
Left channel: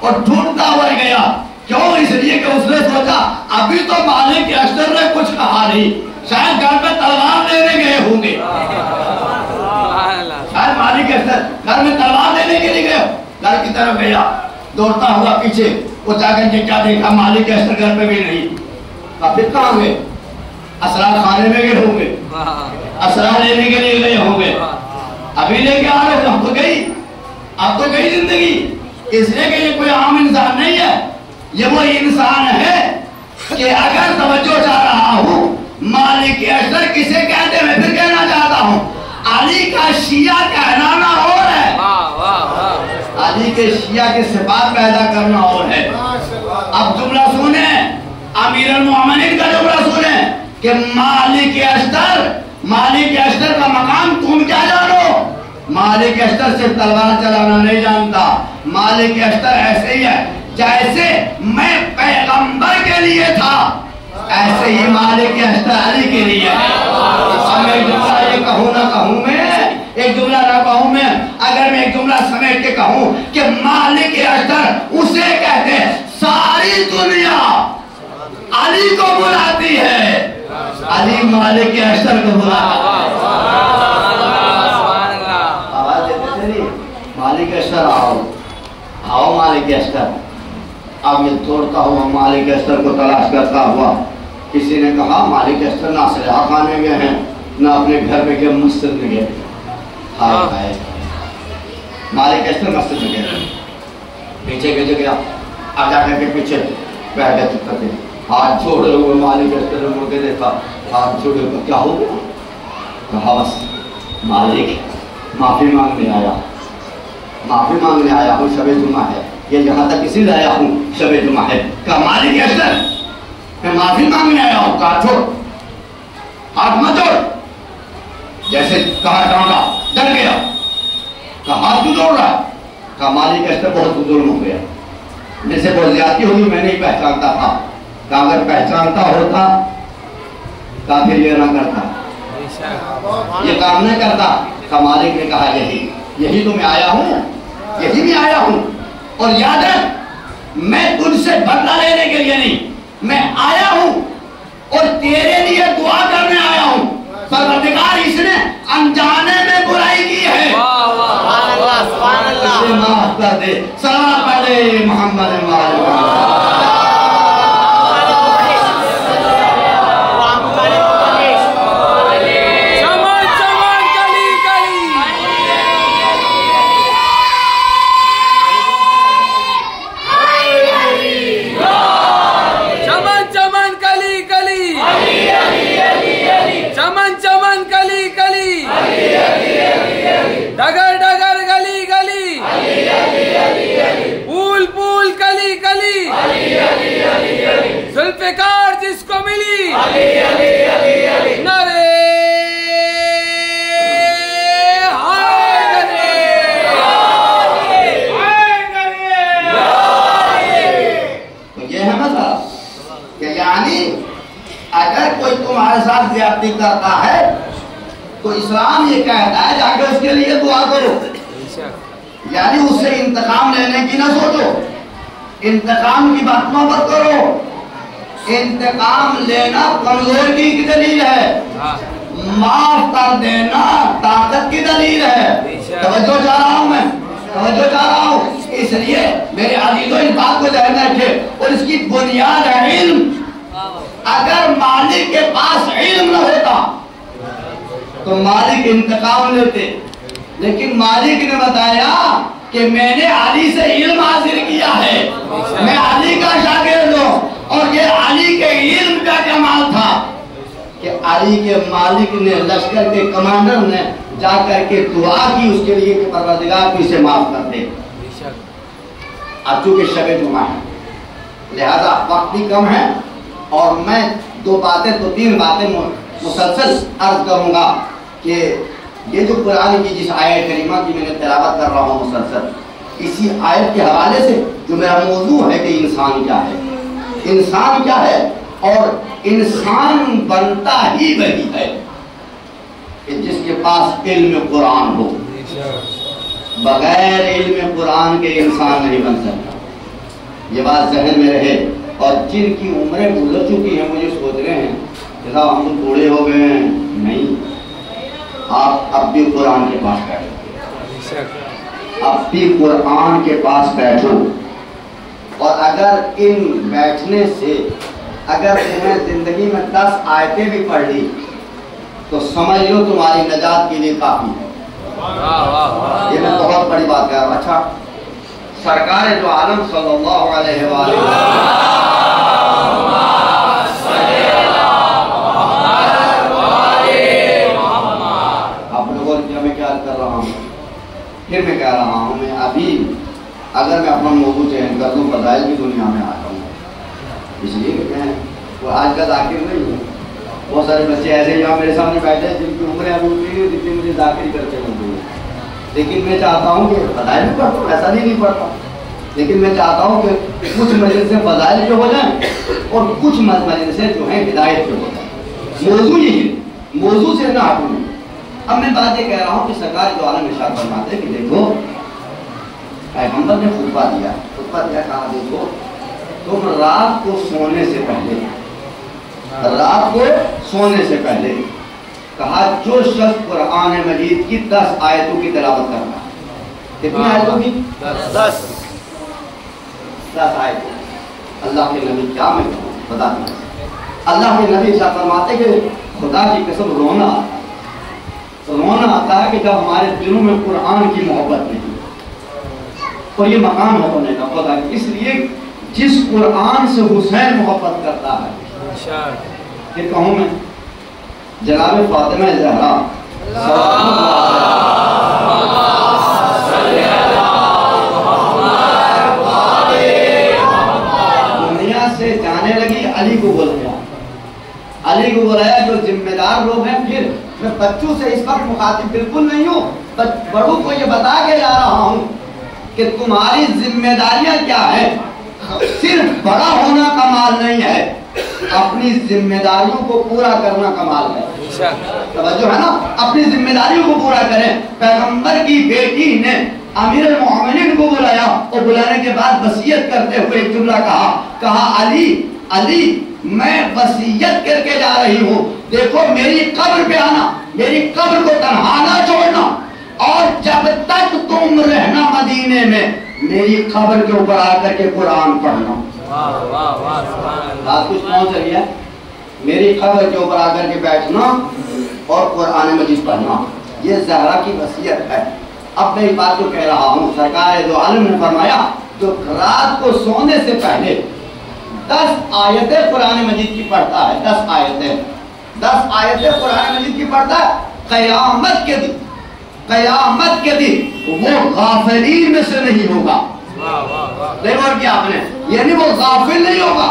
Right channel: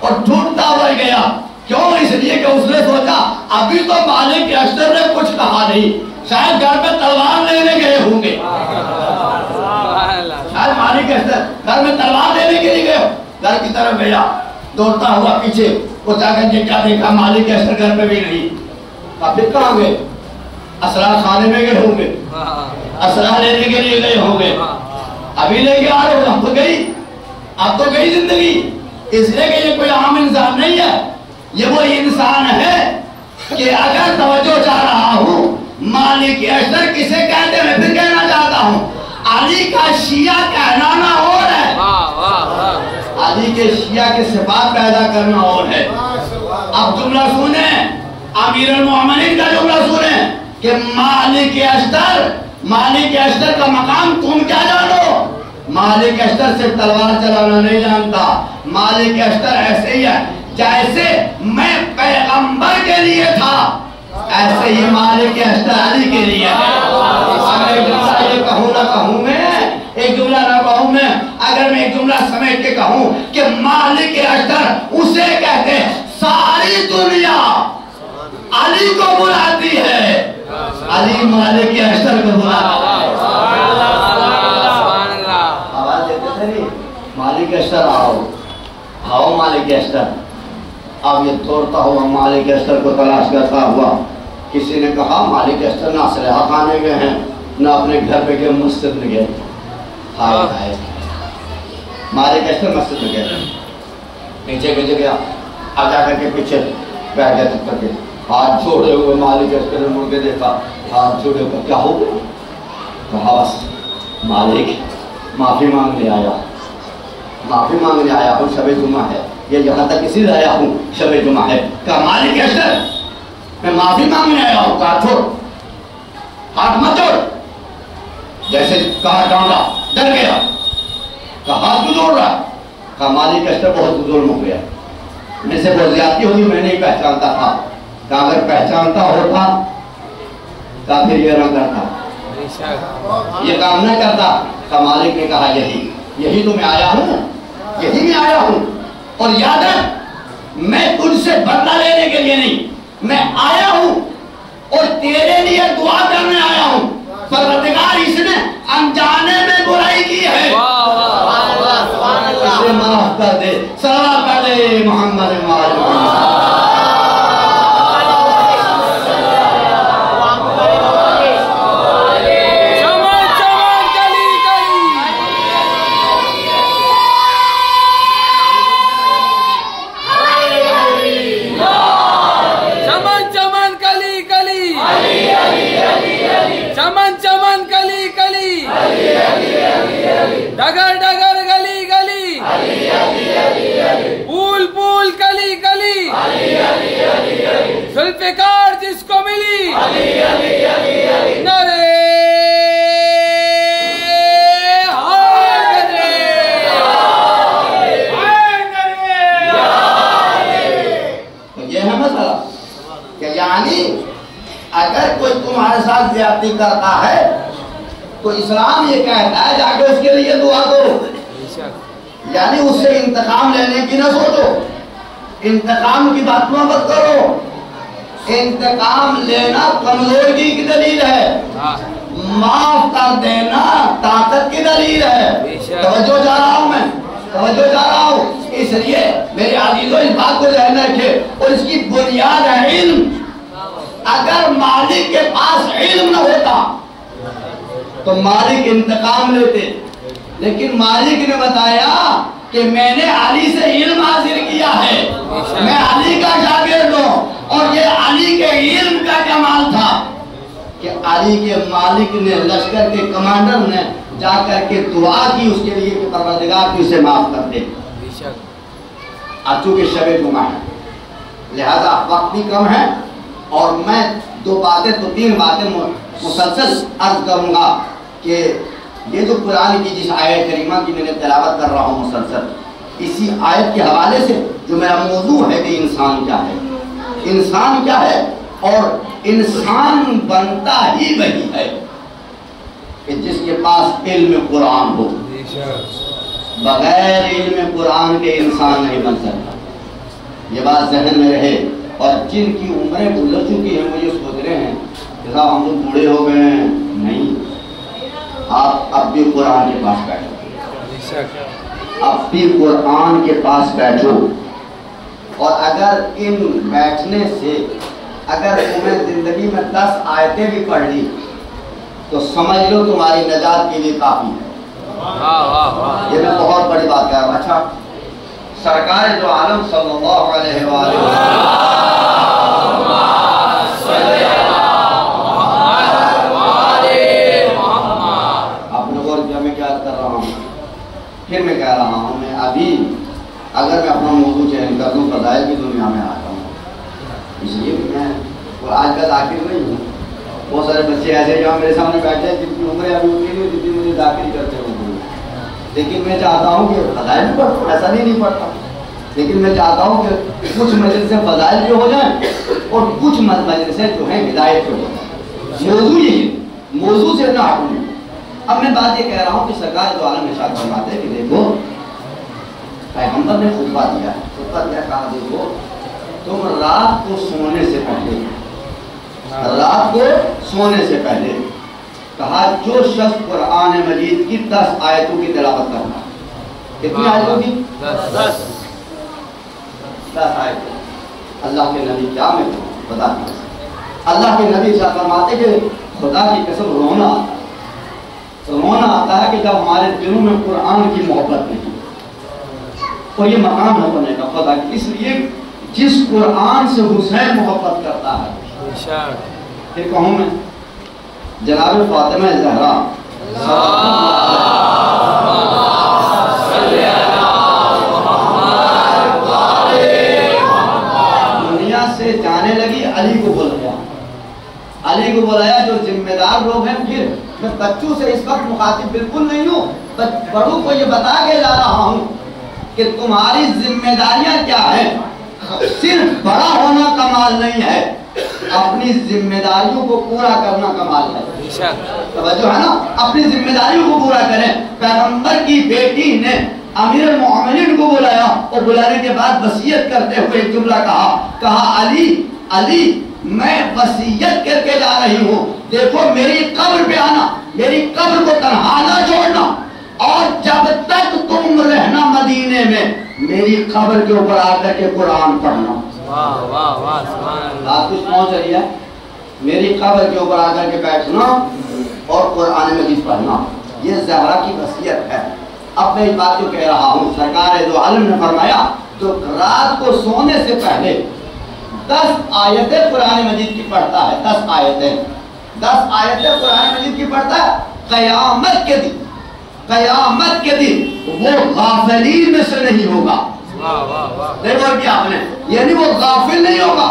اور ڈھونڈتا ہوا گیا۔ کیوں؟ اس لیے کہ اس نے سوچا ابھی تو مالک کے اشتر نے کچھ کہا نہیں، شاید گھر پہ تلوار لینے گئے ہوں گے، شاید مالک اشتر گھر میں تلوار دینے کے لیے گئے ہو، گھر کی طرف گیا، دوڑتا ہوا پیچھے، وہ جا کر کے کیا دیکھا، مالک اشتر گھر پہ بھی نہیں۔ پھر کہاں گئے؟ اسرار خانے میں گئے ہوں گے، اسرار لینے کے لیے گئے ہوں گے، ابھی لے کے آ رہے ہو، اب تو گئی زندگی، اس لیے کہ یہ کوئی عام انسان نہیں ہے، یہ وہ انسان ہے کہ اگر توجہ چاہ رہا ہوں مالک اشتر کسے کہتے ہیں، پھر کہنا چاہتا ہوں علی کا شیعہ کہلانا اور ہے، علی کے شیعہ کے صفات پیدا کرنا اور ہے۔ اب جملہ سنیں، امیر المومنین کا جملہ سنیں کہ مالک اشتر کا مقام تم کیا جانو؟ مالک اشتر سے تلوار چلانا نہیں جانتا، مالک اشتر ایسے ہی ہے جیسے میں پیغمبر کے لیے تھا، ایسے ہی مالک اشتر علی کے لیے ہے۔ اب میں ایک جملہ یہ کہوں نہ کہوں میں، ایک جملہ نہ کہوں میں، اگر میں ایک جملہ سمیٹ کے کہوں کہ مالک اشتر اسے کہتے ہیں ساری دنیا علی کو بلاتی ہے، علی مالک اشتر کو بلاتا ہے۔ آواز دیتے تھے نہیں، مالک اشتر آؤ مالک اشتر۔ اب یہ دوڑتا ہوا مالک اشتر کو تلاش کرتا ہوا، کسی نے کہا مالک اشتر نہ اسلحہ خانے میں ہیں نہ اپنے گھر پہ گئے، مسجد میں گئے۔ مالک اشتر مسجد میں گئے، پیچھے پیچھے گیا، اب جا کر کے پیچھے بیٹھ گیا، چپ کر کے ہاتھ چھوڑے ہوئے مالک اشتر نے مڑ کے دیکھا، ہاتھ چھوڑے ہوئے، کیا ہو گیا؟ کہا بس مالک معافی مانگنے آیا ہوں، شب جمعہ ہے، یہ یہاں تک اسی لیے آیا ہوں، شب جمعہ ہے۔ کہا مالک اشتر میں معافی مانگنے آیا ہوں، کہا چھوڑ، ہاتھ مت چھوڑ، جیسے کہا ڈانٹا، ڈر گیا، کہا ہاتھ کیوں جوڑ رہا؟ کہا مالک اشتر بہت ظلم ہو گیا، مجھ سے بہت زیادتی ہوئی، میں نہیں پہچانتا تھا۔ کہا اگر پہچانتا ہوتا کہا پھر یہ نہ کرتا، یہ کام نہ کرتا۔ کہا مالک نے کہا یہی تو میں آیا ہوں، یہی بھی آیا ہوں، اور یاد رکھ میں تجھ سے بدلہ لینے کے لیے نہیں، میں آیا ہوں اور تیرے لیے دعا کرنے آیا ہوں، پروردگار اس نے انجانے میں برائی کی ہے، اسے معاف کر دے، صلوات پڑھ دے محمد محمد۔ ڈگر ڈگر گلی گلی، پھول پھول کلی کلی، ذوالفقار جس کو ملی نعرے یہ ہے مسئلہ کہ یعنی اگر کوئی تمہارے ساتھ زیادتی کرتا ہے تو اسلام یہ کہتا ہے جا کے اس کے لیے دعا کرو، یعنی اس سے انتقام لینے کی نہ سوچو، انتقام کی بات مت کرو، انتقام لینا کمزوری کی دلیل ہے، معاف کر دینا طاقت کی دلیل ہے۔ توجہ چاہ رہا ہوں، اس لیے میرے عزیزوں اس بات کو ذہن رکھے، اور اس کی بنیاد ہے علم۔ اگر مالک کے پاس علم نہ ہوتا تو مالک انتقام لیتے، لیکن مالک نے بتایا کہ میں نے علی سے علم حاصل کیا ہے، میں علی کا شاگرد ہوں، اور یہ علی کے علم کا کمال تھا کہ علی کے مالک نے، لشکر کے کمانڈر نے جا کر کے دعا کی اس کے لیے کہ پروردگار تو اسے معاف کر دے۔ اب چونکہ شب جمعہ ہے لہذا وقت بھی کم ہے، اور میں دو تین باتیں مسلسل عرض کروں گا کہ یہ جو قرآن کی جس آیت کریمہ کی میں نے تلاوت کر رہا ہوں مسلسل، اسی آیت کے حوالے سے جو میرا موضوع ہے کہ انسان کیا ہے اور انسان بنتا ہی وہی ہے کہ جس کے پاس علم قرآن ہو، بغیر علم قرآن کے انسان نہیں بن سکتا، یہ بات ذہن میں رہے۔ اور جن کی عمریں گزر چکی ہیں وہ یہ سوچ رہے ہیں کہ صاحب ہم تو بوڑھے ہو گئے ہیں، نہیں، آپ اب بھی قرآن کے پاس بیٹھو، اب بھی قرآن کے پاس بیٹھو، اور اگر ان بیٹھنے سے اگر تمہیں زندگی میں 10 آیتیں بھی پڑھ لی تو سمجھ لو تمہاری نجات کے لیے کافی ہے۔ یہ میں بہت بڑی بات کہہ رہا ہوں۔ اچھا، سرکار دو عالم صلی اللہ علیہ وآلہ آپ لوگوں نے میں کیا کر رہا ہوں، پھر میں کہہ رہا ہوں، میں ابھی اگر میں اپنا موضوع چینج کر دوں فضائل کی دنیا میں آتا ہوں، اس لیے کہ میں وہ آج کا ذاکر نہیں ہوں۔ بہت سارے بچے ایسے جہاں میرے سامنے بیٹھے ہیں جن کی عمریں ابھی اتنی نہیں ہوتی مجھے ذاکری کرتے ہوئے، لیکن میں چاہتا ہوں کہ فضائل بھی پڑھتا ہوں، ایسا نہیں پڑھتا، لیکن میں چاہتا ہوں کہ کچھ مجلسیں فضائل کے ہو جائیں اور کچھ مجلسیں جو ہیں ہدایت کے ہو جائیں۔ موضوع یہ ہے، موضوع سے نہ ہٹوں۔ اب میں بات یہ کہہ رہا ہوں کہ سرکار دو عالم ارشاد فرماتے ہیں کہ دیکھو پیغمبر نے خطبہ دیا، کہا دیکھو تم رات کو سونے سے پہلے، رات کو سونے سے پہلے کہا جو شخص قرآن مجید کی 10 آیتوں کی تلاوت کرنا، کتنی آیتوں کی؟ 10 آیتیں۔ اللہ کے نبی کیا میں بتا دیا، اللہ کے نبی ارشاد فرماتے کہ خدا کی قسم رونا آتا ہے، رونا آتا ہے کہ جب ہمارے دلوں میں قرآن کی محبت نہیں، اور یہ مقام ہے ہونے کا خدا، اس لیے جس قرآن سے حسین محبت کرتا ہے، کہ کہوں میں جناب فاطمہ زہرا دنیا سے جانے لگی، علی کو بلایا، علی کو بلایا جو ذمہ دار لوگ ہیں۔ پھر میں بچوں سے اس وقت مخاطب بالکل نہیں ہوں، بڑوں کو یہ بتا کے جا رہا ہوں کہ تمہاری ذمہ داریاں کیا ہیں۔ صرف بڑا ہونا کمال نہیں ہے، اپنی ذمہ داریوں کو پورا کرنا کمال ہے۔ توجہ ہے نا، اپنی ذمہ داریوں کو پورا کریں۔ پیغمبر کی بیٹی نے امیر المومنین کو بلایا، اور بلانے کے بعد وصیت کرتے ہوئے ایک جملہ کہا علی علی میں وصیت کر کے جا رہی ہوں، دیکھو میری قبر پہ آنا، میری قبر کو تنہا نہ چھوڑنا، اور جب تک تم رہنا مدینے میں میری قبر کے اوپر آ کر کے قرآن پڑھنا۔ بات کچھ پہنچ رہی ہے؟ میری قبر کے اوپر آ کر کے بیٹھنا اور قرآن مجید پڑھنا، یہ زہرا کی وصیت ہے۔ اب میں یہ بات جو کہہ رہا ہوں، سرکار دو عالم نے فرمایا جو رات کو سونے سے پہلے 10 آیتیں قرآن مجید کی پڑھتا ہے، 10 آیتیں 10 آیتیں قرآن مجید کی پڑھتا ہے، قیامت کے دن وہ غافلین میں سے نہیں ہوگا۔ دیکھو اور کیا آپ نے، یعنی وہ غافل نہیں ہوگا،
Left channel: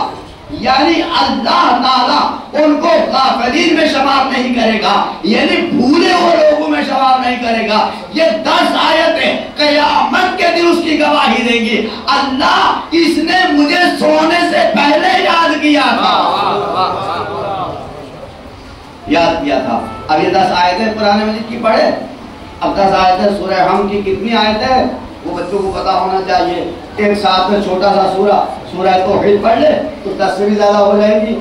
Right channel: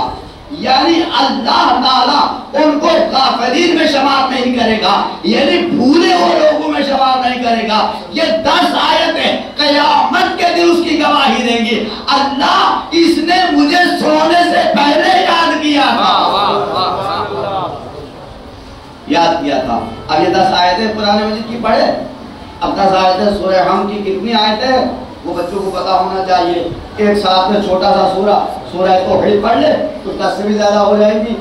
یعنی اللہ تعالیٰ ان کو غافلین میں شمار نہیں کرے گا، یعنی بھولے ہوئے لوگوں میں شمار نہیں کرے گا۔ یہ 10 آیتیں قیامت کے دن اس کی گواہی دیں گی، اللہ اس نے مجھے سونے سے پہلے یاد کیا تھا۔ اب یہ 10 آیتیں قرآن مجید کی پڑھے، اب 10 آیتیں سورہ حم کی کتنی آیتیں ہیں وہ بچوں کو پتا ہونا چاہیے۔ ایک ساتھ میں چھوٹا سا سورہ توحید پڑھ لے تو 10 سے بھی زیادہ ہو جائیں گی،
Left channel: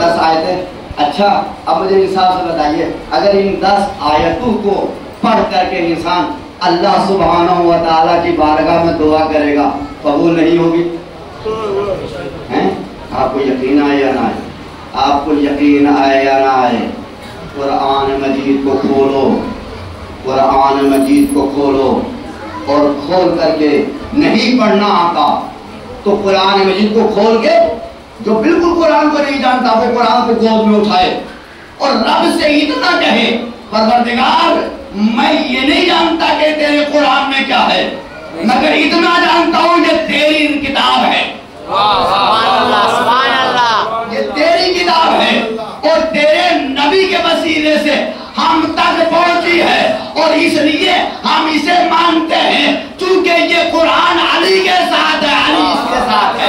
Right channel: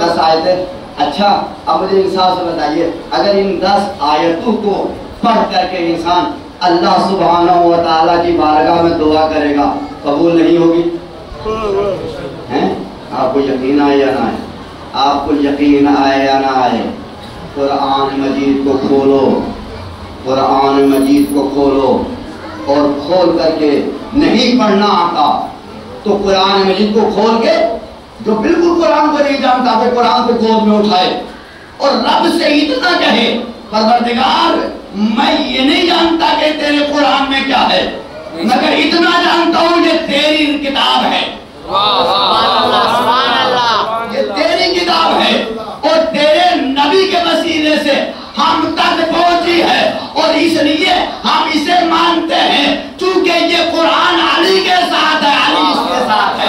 10 آیتیں۔ اچھا اب مجھے انصاف سے بتائیے، اگر ان 10 آیتوں کو پڑھ کر کے انسان اللہ سبحانہ و تعالیٰ کی بارگاہ میں دعا کرے گا، قبول نہیں ہوگی؟ آپ کو یقین آئے یا نہ آئے؟ آپ کو یقین آئے یا نہ آئے؟ قرآن مجید کو کھولو، قرآن مجید کو کھولو، اور کھول کر کے نہیں پڑھنا آتا تو قرآن مجید کو کھول کے، جو بالکل قرآن کو نہیں جانتا وہ قرآن کو گود میں اٹھائے اور رب سے اتنا کہے پروردگار میں یہ نہیں جانتا کہ تیرے قرآن میں کیا ہے، مگر اتنا جانتا ہوں یہ تیری کتاب ہے، یہ تیری کتاب ہے اور تیرے نبی کے وسیلے سے ہم تک پہنچی ہے، اور اس لیے ہم اسے مانتے ہیں چونکہ یہ قرآن علی کے ساتھ ہے، علی اس کے ساتھ ہے۔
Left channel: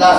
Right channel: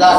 10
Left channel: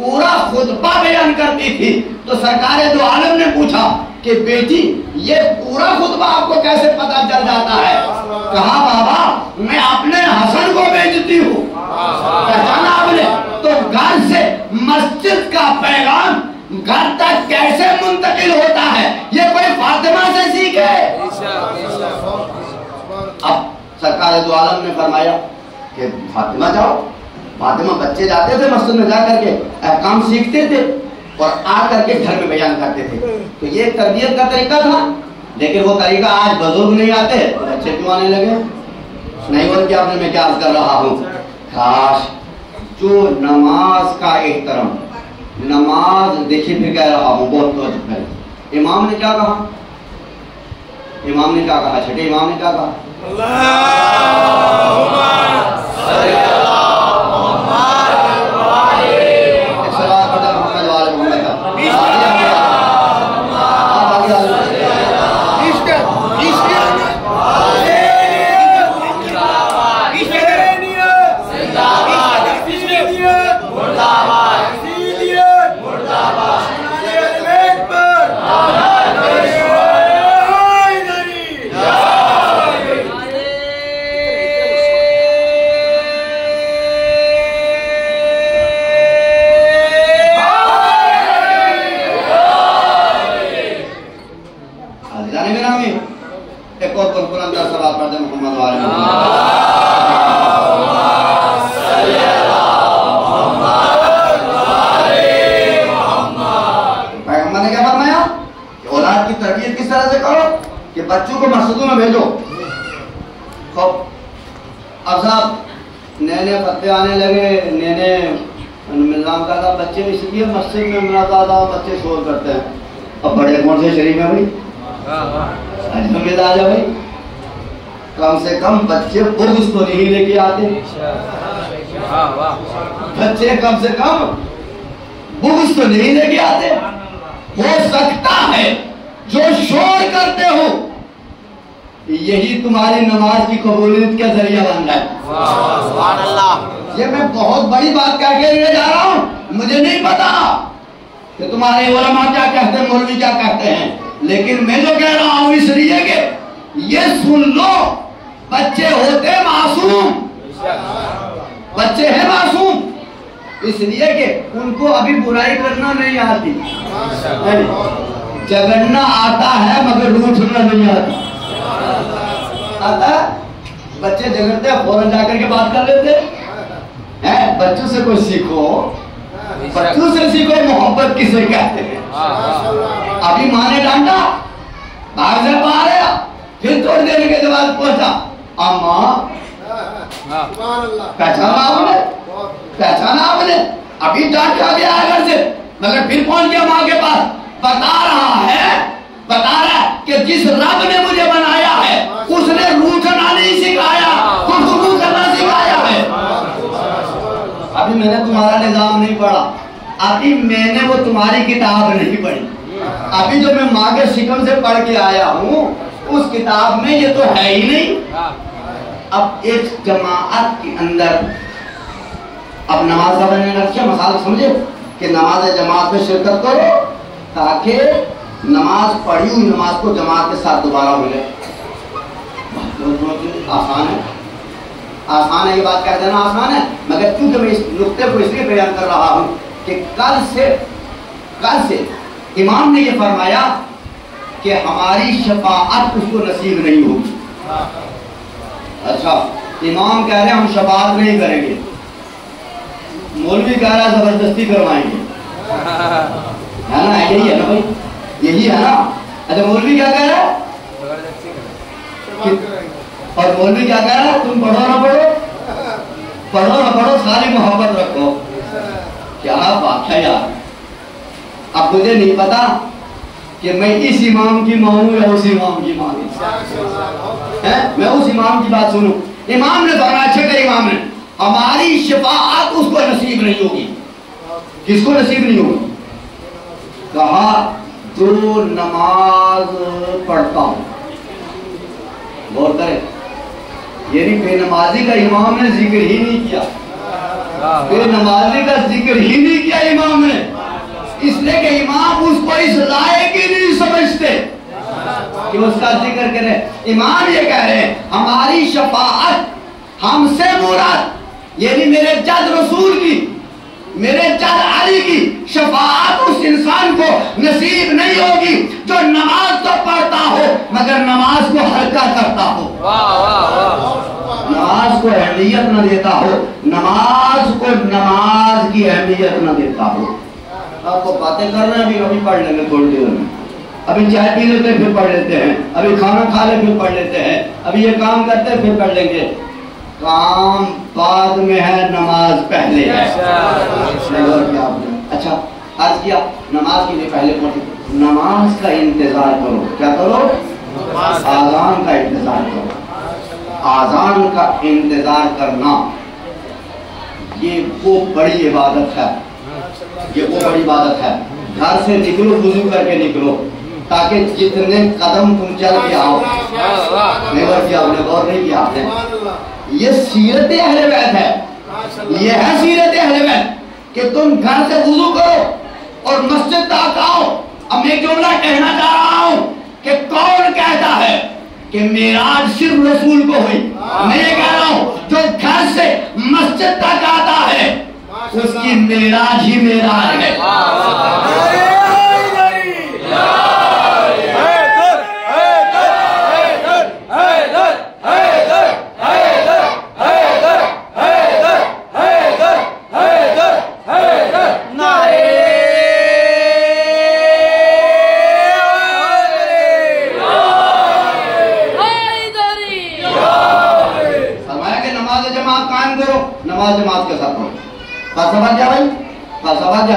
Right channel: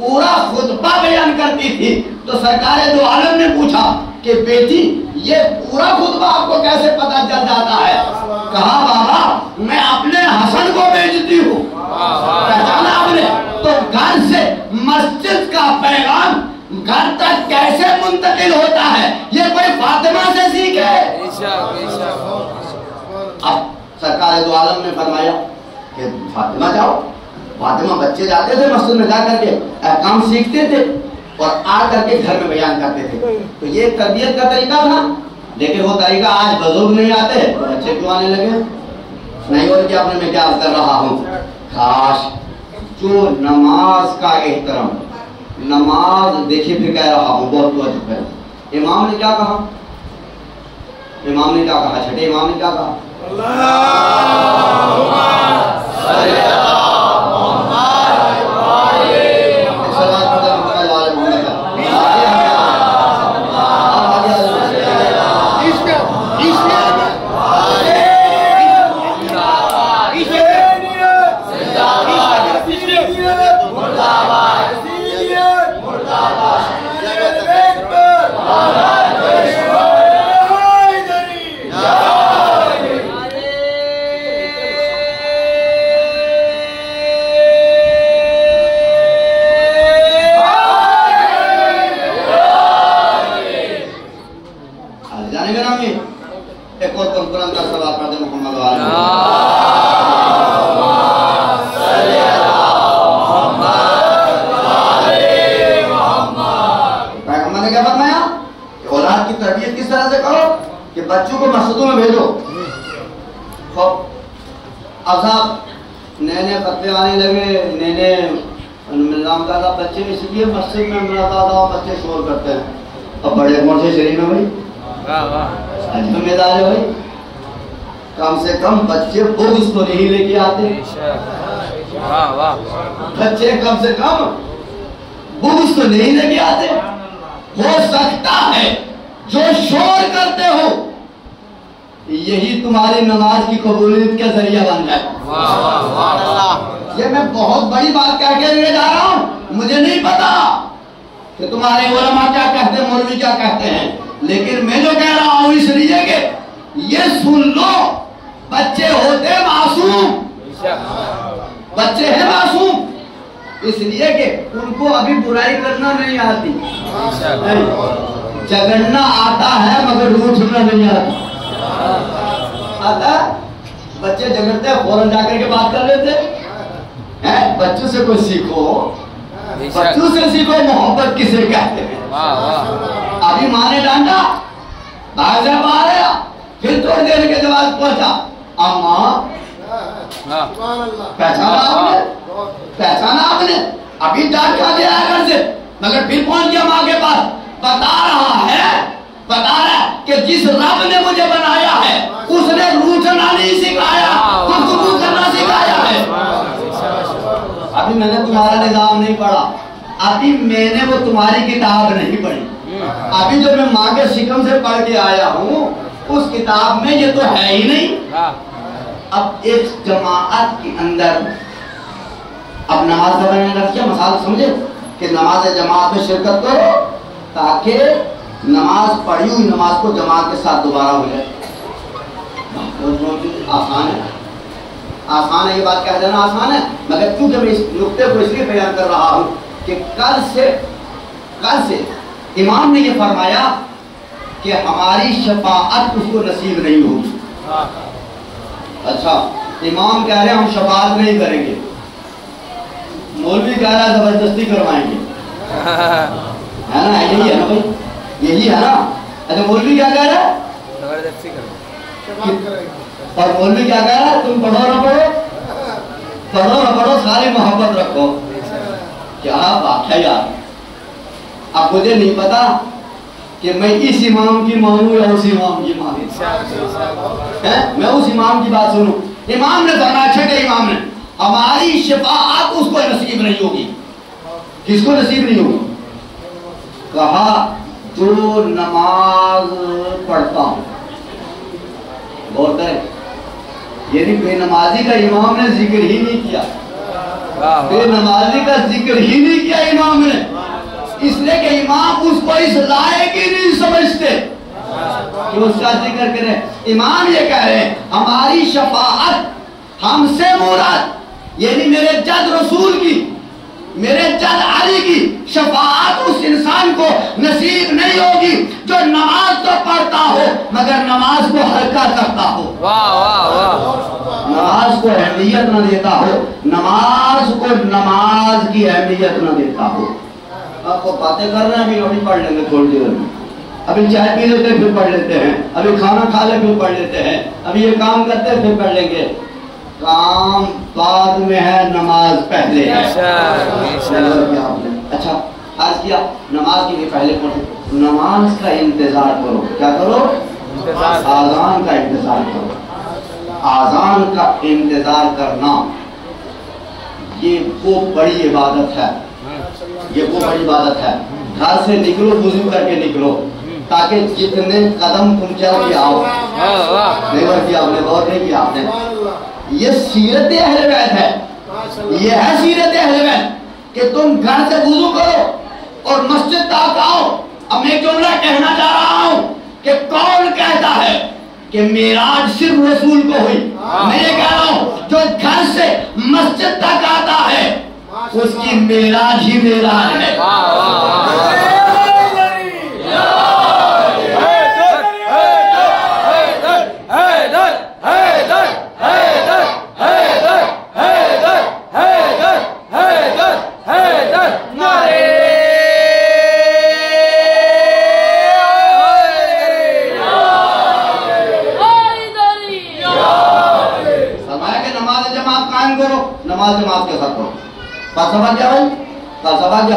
پورا خطبہ بیان کرتی تھی، تو سرکار دو عالم نے پوچھا کہ بیٹی یہ پورا خطبہ آپ کو کیسے پتہ چل جاتا ہے؟ کہا بابا میں اپنے حسن کو بیچتی ہوں۔ پہچانا آپ نے؟ تو گھر سے مسجد کا پیغام گھر تک کیسے منتقل ہوتا ہے، یہ کوئی فاطمہ سے سیکھے؟ اب سرکار دو عالم نے فرمایا کہ فاطمہ جاؤ۔ فاطمہ بچے جاتے تھے مسجد میں، جا کر کے احکام سیکھتے تھے اور آ کر کے گھر میں بیان کرتے تھے۔ تو یہ تربیت کا طریقہ تھا، لیکن وہ طریقہ آج بزرگ نہیں آتے تو بچے کیوں آنے لگے؟ نہیں بول کے آپ نے میں کیا کر رہا ہوں، کاش جو نماز کا احترام، نماز دیکھیے پھر کہہ رہا ہوں بہت توجہ کریں۔ امام نے کیا کہا؟ امام نے کیا کہا؟ چھٹے امام نے کیا کہا؟ ایک اور قرآن کا صلاۃ پڑھتے ہیں محمد والے پیغمبر نے کیا فرمایا؟ اولاد کی تربیت کس طرح سے کرو کہ بچوں کو مسجدوں میں بھیجو۔ اب صاحب نئے نئے فتوے آنے لگے، نئے نئے نظام کا تھا، بچے اس لیے مسجد میں منعقد بچے شور کرتے ہیں۔ اب بڑے مرشد شریف میں بھائی اجمید آ جا بھائی، کم سے کم بچے بغض تو نہیں لے کے آتے، بچے کم سے کم بغض تو نہیں لے کے آتے۔ ہو سکتا ہے جو شور کرتے ہو یہی تمہاری نماز کی قبولیت کا ذریعہ بن جائے۔ سبحان اللہ، یہ میں بہت بڑی بات کہہ کے لے جا رہا ہوں، مجھے نہیں پتا کہ تمہارے علماء کیا کہتے ہیں، مولوی کیا کہتے ہیں، لیکن میں جو کہہ رہا ہوں اس لیے کہ یہ سن لو، بچے ہوتے معصوم، بچے ہیں معصوم، اس لیے کہ ان کو ابھی برائی کرنا نہیں آتی، جگڑنا آتا ہے مگر روٹھنا نہیں آتا۔ آتا بچے جگڑتے ہیں فوراً جا کر کے بات کر لیتے ہیں۔ بچوں سے کوئی سیکھو، بچوں سے سیکھو محبت کسے کہتے ہیں۔ ابھی ماں نے ڈانٹا، بھاگ سے باہر آیا، پھر توڑ دینے کے بعد پہنچا، اماں پہچانا آپ نے، پہچانا آپ نے، ابھی ڈانٹ کھا گیا ہے گھر سے مگر پھر پہنچ گیا ماں کے پاس، بتا رہا ہے کہ جس رب نے مجھے بنایا ہے اس نے روٹھنا نہیں سکھایا، گفتگو کرنا سکھایا ہے۔ ابھی میں نے تمہارا نظام نہیں پڑھا، ابھی میں نے وہ تمہاری کتاب نہیں پڑھی، ابھی جو میں ماں کے شکم سے پڑھ کے آیا ہوں اس کتاب میں یہ تو ہے ہی نہیں۔ اب ایک جماعت کے اندر اب نماز کا بنانا کیا مسئلہ سمجھے کہ نماز جماعت میں شرکت کرو تاکہ نماز پڑھی ہوئی نماز کو جماعت کے ساتھ دوبارہ ملے۔ آسان ہے، آسان ہے، یہ بات کہہ دینا آسان ہے، مگر کیونکہ میں اس نقطے کو اس لیے بیان کر رہا ہوں کہ کل سے امام نے یہ فرمایا کہ ہماری شفاعت اس کو نصیب نہیں ہوگی۔ اچھا، امام کہہ رہے ہیں ہم شفاعت نہیں کریں گے، مولوی کہہ رہا ہے زبردستی کروائیں گے، ہے نا؟ یہی ہے نا بھائی، یہی ہے نا۔ اچھا مولوی کیا کہہ رہا ہے؟ اور مولوی کیا کہہ رہا ہے؟ تم پڑھو نہ پڑھو ساری محبت رکھو۔ کیا بات ہے یار، اب مجھے نہیں پتا کہ میں اس امام کی مانوں یا اس امام کی مانوں، میں اس امام کی بات سنوں۔ امام نے فرمایا، چھٹے امام نے، ہماری شفاعت اس کو نصیب نہیں ہوگی۔ کس کو نصیب نہیں ہوگی؟ کہا جو نماز پڑھتا ہوں، غور کریں، یعنی بے نمازی کا امام نے ذکر ہی نہیں کیا، بے نمازی کا ذکر ہی نہیں کیا امام نے، اس لیے کہ امام اس کو اس لائق ہی نہیں سمجھتے کہ اس کا ذکر کریں۔ امام یہ کہہ رہے ہیں ہماری شفاعت ہم سے مراد یعنی میرے جد رسول کی، میرے جد علی کی شفاعت اس انسان کو نصیب نہیں ہوگی جو نماز تو پڑھتا ہو مگر نماز کو ہلکا کرتا ہو، نماز کو اہمیت نہ دیتا ہو، نماز کو نماز کی اہمیت نہ دیتا ہو۔ آپ کو باتیں کرنا بھی ابھی پڑھ لیں گے تھوڑی دیر میں، ابھی چائے پی لیتے ہیں پھر پڑھ لیتے ہیں، ابھی کھانا کھا لے پھر پڑھ لیتے ہیں، ابھی یہ کام کرتے ہیں پھر پڑھ لیں گے۔ کام بعد میں ہے، نماز پہلے ہے۔ اچھا عرض کیا نماز کے لیے پہلے پڑھتے، نماز کا انتظار کرو، کیا کرو؟ آذان کا انتظار کرو۔ آذان کا انتظار کرنا یہ وہ بڑی عبادت ہے، یہ وہ بڑی عبادت ہے۔ گھر سے نکلو وضو کر کے نکلو تاکہ جتنے قدم تم چل کے آؤ، نہیں کیا آپ نے، غور نہیں کیا آپ نے، یہ سیرت اہل بیت ہے، یہ ہے سیرت اہل بیت کہ تم گھر سے وضو کرو اور مسجد تک آؤ۔ اب میں جملہ کہنا چاہ رہا ہوں کہ کون کہتا ہے کہ معراج صرف رسول کو ہوئی؟ میں یہ کہہ رہا ہوں جو گھر سے مسجد تک آتا ہے اس کی معراج ہی معراج ہے۔ نماز جماعت کے ساتھ کرو۔ فلسفہ کیا بھائی؟ فلسفہ کیا؟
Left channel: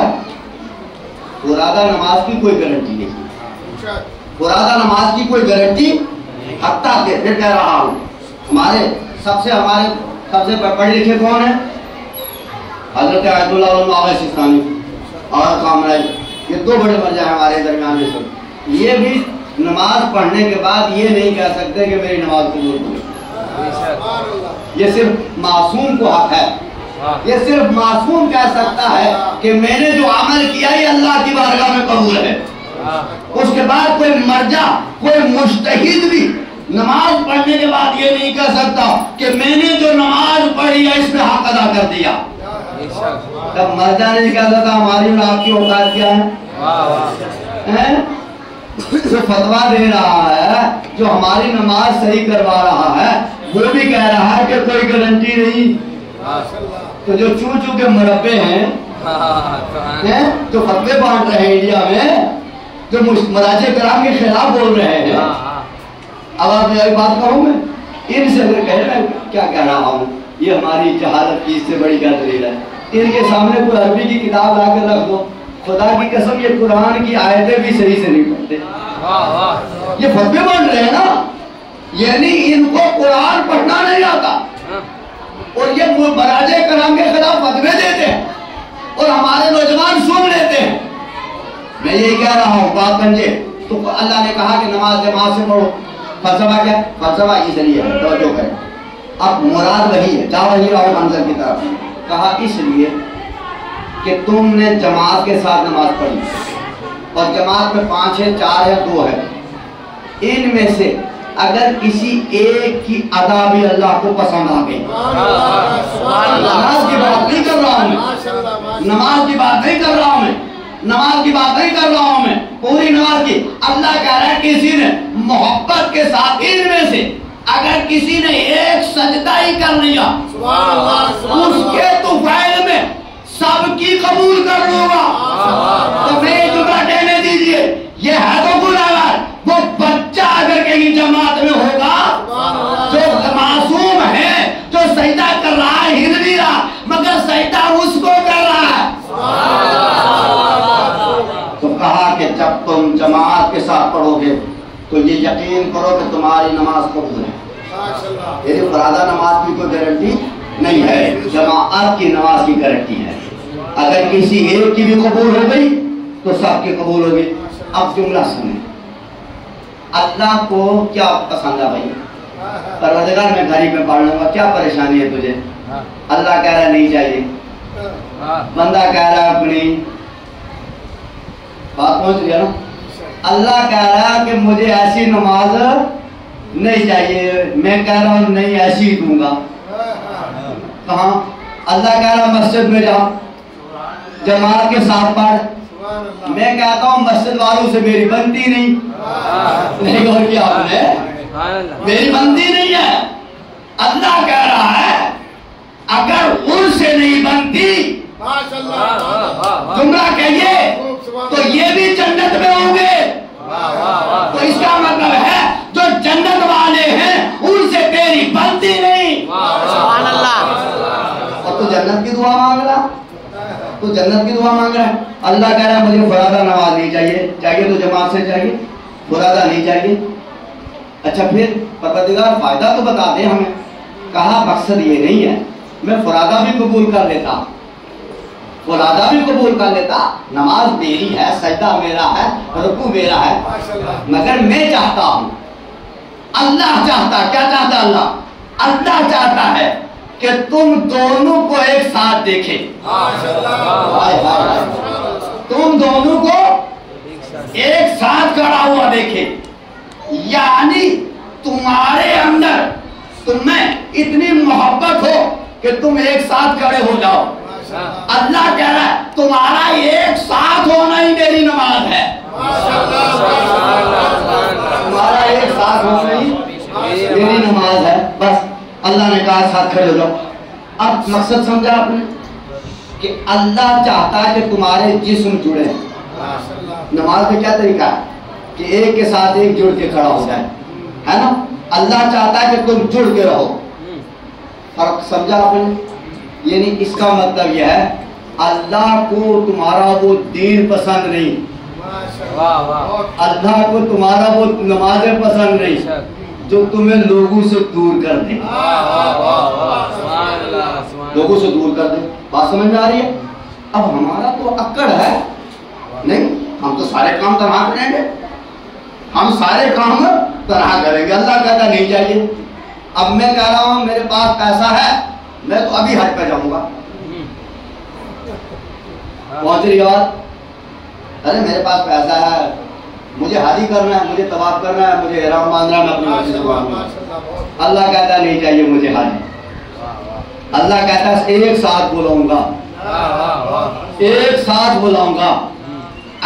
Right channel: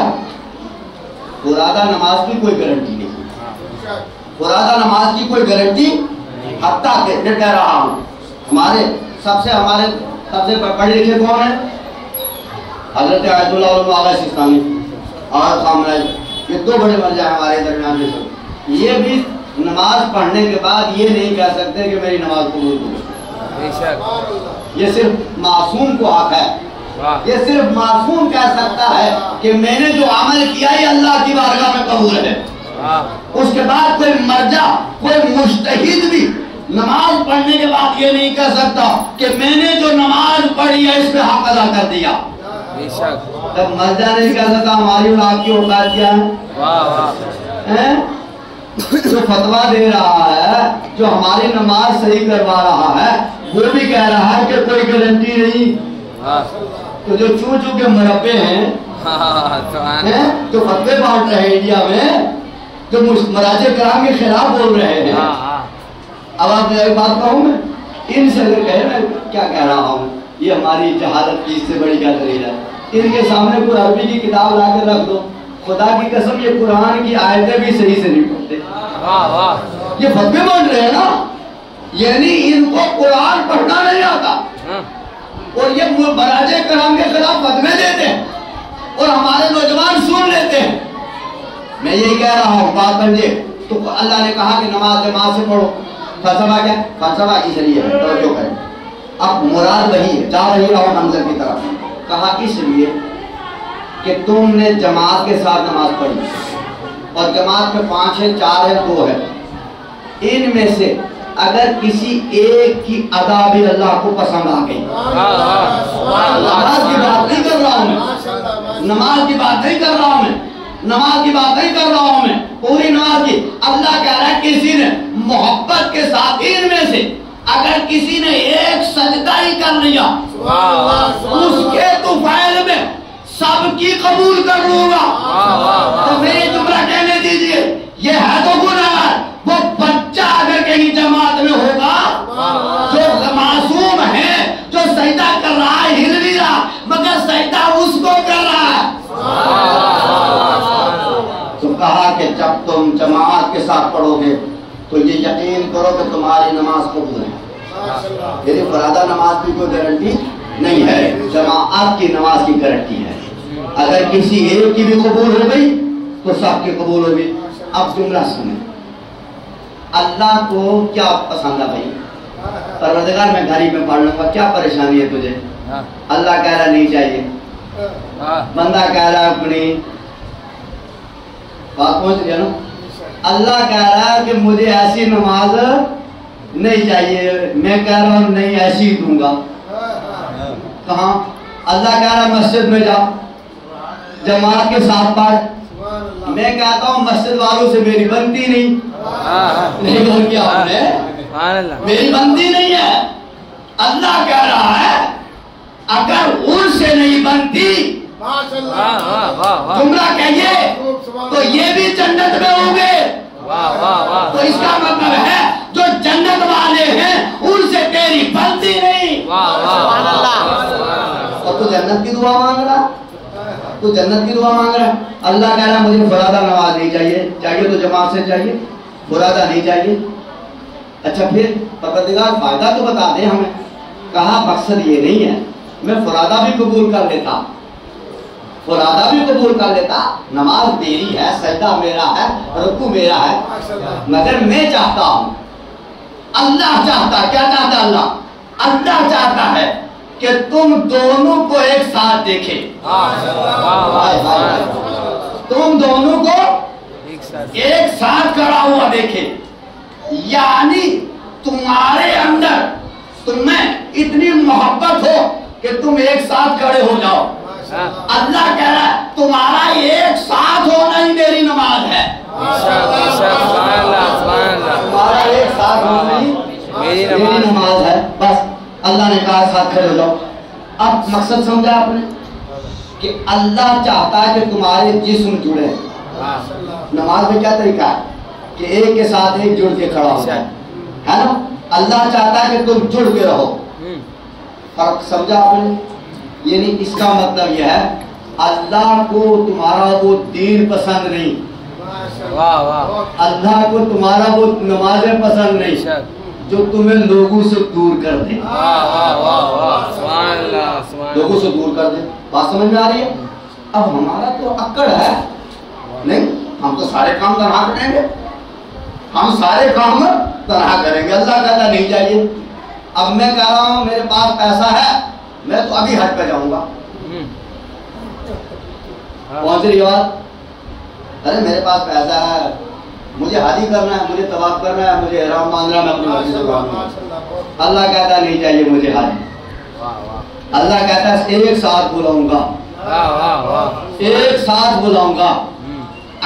فرادہ نماز کی کوئی گارنٹی نہیں، فرادہ نماز کی کوئی گارنٹی، حتیٰ کہ پھر کہہ رہا ہوں ہمارے سب سے پڑھے لکھے کون ہیں؟ حضرت آیت اللہ علامہ آغا سستانی اور خامنہ، یہ دو بڑے مرجع ہیں ہمارے درمیان میں سب۔ یہ بھی نماز پڑھنے کے بعد یہ نہیں کہہ سکتے کہ میری نماز قبول ہو گئی۔ یہ صرف معصوم کو حق ہے، یہ صرف معصوم کہہ سکتا ہے کہ میں نے جو عمل کیا یہ اللہ کی بارگاہ میں قبول ہے۔ اس کے بعد کوئی مرجع، کوئی مجتہد بھی نماز پڑھنے کے بعد یہ نہیں کہہ سکتا کہ میں نے جو نماز پڑھی ہے اس پہ حق ادا کر دیا۔ جب مرجع نہیں کہہ سکتا ہماری اور آپ کی اوقات کیا ہے؟ جو فتویٰ دے رہا ہے، جو ہماری نماز صحیح کروا رہا ہے، وہ بھی کہہ رہا ہے کہ کوئی گارنٹی نہیں۔ تو جو چون چون کے مربے ہیں جو فتوے بانٹ رہے ہیں انڈیا میں، جو مراجع کرام کے خلاف بول رہے ہیں، اب آپ میری بات کہوں میں ان سے اگر کہے میں کیا کہہ رہا ہوں، یہ ہماری جہالت کی اس سے بڑی کیا دلیل ہے؟ ان کے سامنے کوئی عربی کی کتاب لا کر رکھ دو، خدا کی قسم یہ قرآن کی آیتیں بھی صحیح سے نہیں پڑھتے، یہ فتوے بانٹ رہے ہیں نا، یعنی ان کو قرآن پڑھنا نہیں آتا اور یہ مراجع کرام کے خلاف فتوے دیتے ہیں اور ہمارے نوجوان سن لیتے ہیں۔ میں یہی کہہ رہا ہوں بات بنجے تو اللہ نے کہا کہ نماز جماعت سے پڑھو۔ فلسفہ کیا؟ فلسفہ اس لیے ہے، توجہ کریں، اب مراد وہی ہے، جا وہی رہو منظر کی طرف۔ کہا اس لیے کہ تم نے جماعت کے ساتھ نماز پڑھی اور جماعت میں 5 ہے، 4 ہے، 2 ہے، ان میں سے اگر کسی ایک کی ادا بھی اللہ کو پسند آ گئی، نماز کی بات نہیں کر رہا ہوں میں، نماز کی بات نہیں کر رہا ہوں میں، نماز کی بات نہیں کر رہا ہوں میں، پوری نماز کی، اللہ کہہ رہا ہے کسی نے محبت کے ساتھ ان میں سے اگر کسی نے ایک سجدہ ہی کر لیا اس کے طفیل میں سب کی قبول کر لوں گا۔ تو میں یہ جملہ کہنے دیجئے، یہ ہے تو گناہگار، وہ بچہ اگر کہیں جماعت میں ہوگا جو معصوم ہے، جو سجدہ کر رہا ہے، ہل نہیں رہا مگر سجدہ اس کو کر رہا ہے۔ تو کہا کہ جب تم جماعت کے ساتھ پڑھو گے تو یہ یقین کرو کہ تمہاری نماز قبول ہے۔ یعنی فرادہ نماز کی کوئی گارنٹی نہیں ہے، جماعت کی نماز کی گارنٹی ہے۔ اگر کسی ایک کی بھی قبول ہو گئی تو سب کی قبول ہوگی۔ اب جملہ سنیں، اللہ کو کیا پسند ہے بھائی؟ پروردگار میں گھر میں پڑھ لوں گا، کیا پریشانی ہے تجھے؟ اللہ کہہ رہا نہیں چاہیے، بندہ کہہ رہا ہے اپنی بات پہنچ گیا نا. اللہ کہہ رہا ہے کہ مجھے ایسی نماز نہیں چاہیے, میں کہہ رہا ہوں نہیں ایسی ہی دوں گا. کہاں؟ اللہ کہہ رہا مسجد میں جا, جماعت کے ساتھ پڑھ. میں کہتا ہوں مسجد والوں سے میری بنتی نہیں غور کیا آپ نے, میری بنتی نہیں ہے. اللہ کہہ رہا ہے اگر ان سے نہیں بنتی گمراہ کہیے تو یہ بھی جنت میں ہوں گے. تو اس کا مطلب ہے جو جنت والے ہیں ان سے تیری بنتی نہیں. سبحان اللہ. اور تو جنت کی دعا مانگ رہا, تو جنت کی دعا مانگ رہا ہے. اللہ کہہ رہا مجھے فرادہ نماز نہیں چاہیے, چاہیے تو جماعت سے چاہیے, فرادہ نہیں چاہیے. اچھا پھر پروردگار فائدہ تو بتا دیں ہمیں. کہا مقصد یہ نہیں ہے, میں فرادہ بھی قبول کر لیتا, فرادہ بھی قبول کر لیتا, نماز میری ہے, سجدہ میرا ہے, رکوع میرا ہے, مگر میں چاہتا ہوں, اللہ چاہتا, کیا چاہتا اللہ؟ اللہ چاہتا ہے کہ تم دونوں کو ایک ساتھ دیکھے. تم دونوں کو ایک ساتھ کھڑا ہوا دیکھے, یعنی تمہارے اندر تمہیں اتنی محبت ہو کہ تم ایک ساتھ کھڑے ہو جاؤ. اللہ کہہ رہا ہے تمہارا ایک ساتھ ہونا ہی میری نماز ہے. تمہارا ایک ساتھ ہونا ہی میری نماز ہے. بس اللہ نے کہا ساتھ کھڑے ہو جاؤ. اب مقصد سمجھا آپ نے کہ اللہ چاہتا ہے کہ تمہارے جسم جڑے. نماز میں کیا طریقہ ہے کہ ایک کے ساتھ ایک جڑ کے کھڑا ہو جائے, ہے نا. اللہ چاہتا ہے کہ تم جڑ کے رہو. فرق سمجھا آپ نے؟ یعنی اس کا مطلب یہ ہے اللہ کو تمہارا وہ دین پسند نہیں, اللہ کو تمہارا وہ نمازیں پسند نہیں جو تمہیں لوگوں سے دور کر دے, لوگوں سے دور کر دے. بات سمجھ میں آ رہی ہے؟ اب ہمارا تو اکڑ ہے نہیں, ہم تو سارے کام تنہا کریں گے, ہم سارے کام تنہا کریں گے. اللہ کہتا نہیں چاہیے. اب میں کہہ رہا ہوں میرے پاس پیسہ ہے, میں تو ابھی حج پہ جاؤں گا. پہنچ رہی بات؟ ارے میرے پاس پیسہ ہے, مجھے حج ہی کرنا ہے, مجھے طواف کرنا ہے, مجھے احرام باندھنا ہے, میں اپنی مرضی سے باندھوں. اللہ کہتا نہیں چاہیے مجھے حج. اللہ کہتا ہے ایک ساتھ بلاؤں گا, ایک ساتھ بلاؤں گا.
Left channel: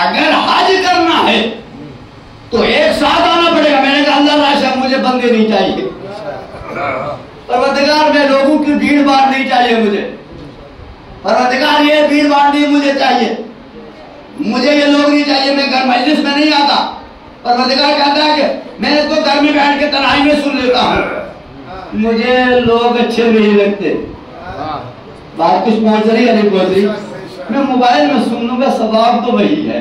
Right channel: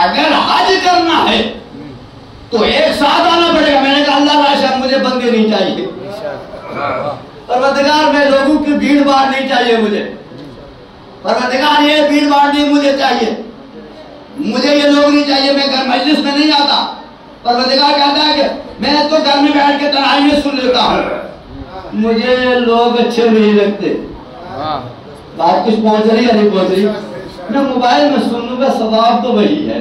اگر حج کرنا ہے تو ایک ساتھ آنا پڑے گا. میں نے کہا اللہ راشد مجھے بندے نہیں چاہیے, پروردگار میں لوگوں کی بھیڑ بھاڑ نہیں چاہیے مجھے, پروردگار یہ بھیڑ بھاڑ نہیں مجھے چاہیے, مجھے یہ لوگ نہیں چاہیے, میں گھر مجلس میں نہیں آتا. پروردگار کہتا ہے کہ میں تو گھر میں بیٹھ کے تنہائی میں سن لیتا ہوں, مجھے لوگ اچھے نہیں لگتے. بات کچھ پہنچ رہی ہے نہیں پہنچ رہی؟ میں موبائل میں سن لوں گا, ثواب تو وہی ہے.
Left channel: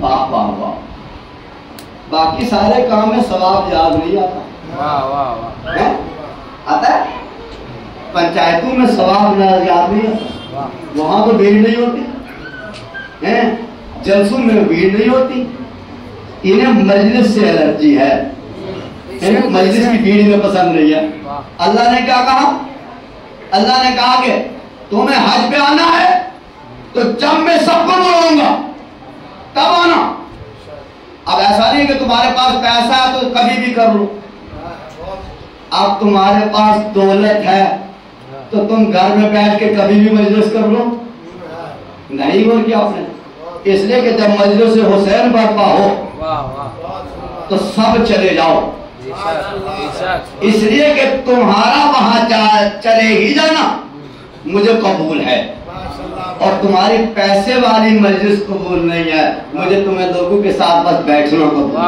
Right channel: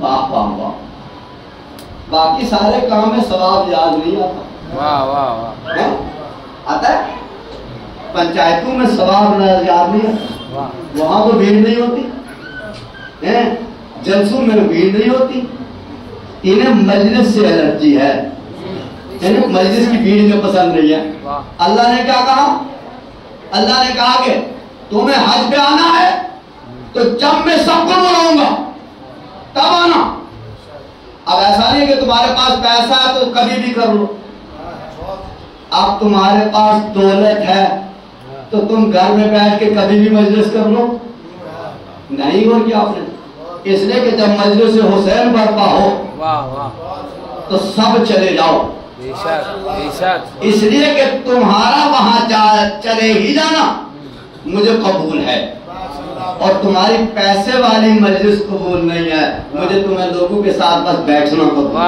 واہ واہ واہ. باقی سارے کام میں ثواب یاد نہیں آتا. آتا ہے پنچایتوں میں ثواب یاد نہیں آتا, وہاں تو بھیڑ نہیں ہوتی, جلسوں میں بھیڑ نہیں ہوتی. انہیں مجلس سے الرجی ہے, انہیں مجلس کی بھیڑ میں پسند نہیں ہے. اللہ نے کیا کہا؟ اللہ نے کہا کہ تمہیں حج پہ آنا ہے تو جب میں سب کو بلاؤں گا تب آنا. اب ایسا نہیں کہ تمہارے پاس پیسہ ہے تو کبھی بھی کر لو. اب تمہارے پاس دولت ہے تو تم گھر میں بیٹھ کے کبھی بھی مجلس کر لو نہیں. اور کیا آپ نے اس لیے کہ جب مجلس حسین برپا ہو تو سب چلے جاؤ, اس لیے کہ تمہارا وہاں چلے ہی جانا مجھے قبول ہے, اور تمہاری پیسے والی مجلس قبول نہیں ہے, مجھے تمہیں لوگوں کے ساتھ بس بیٹھنا قبول.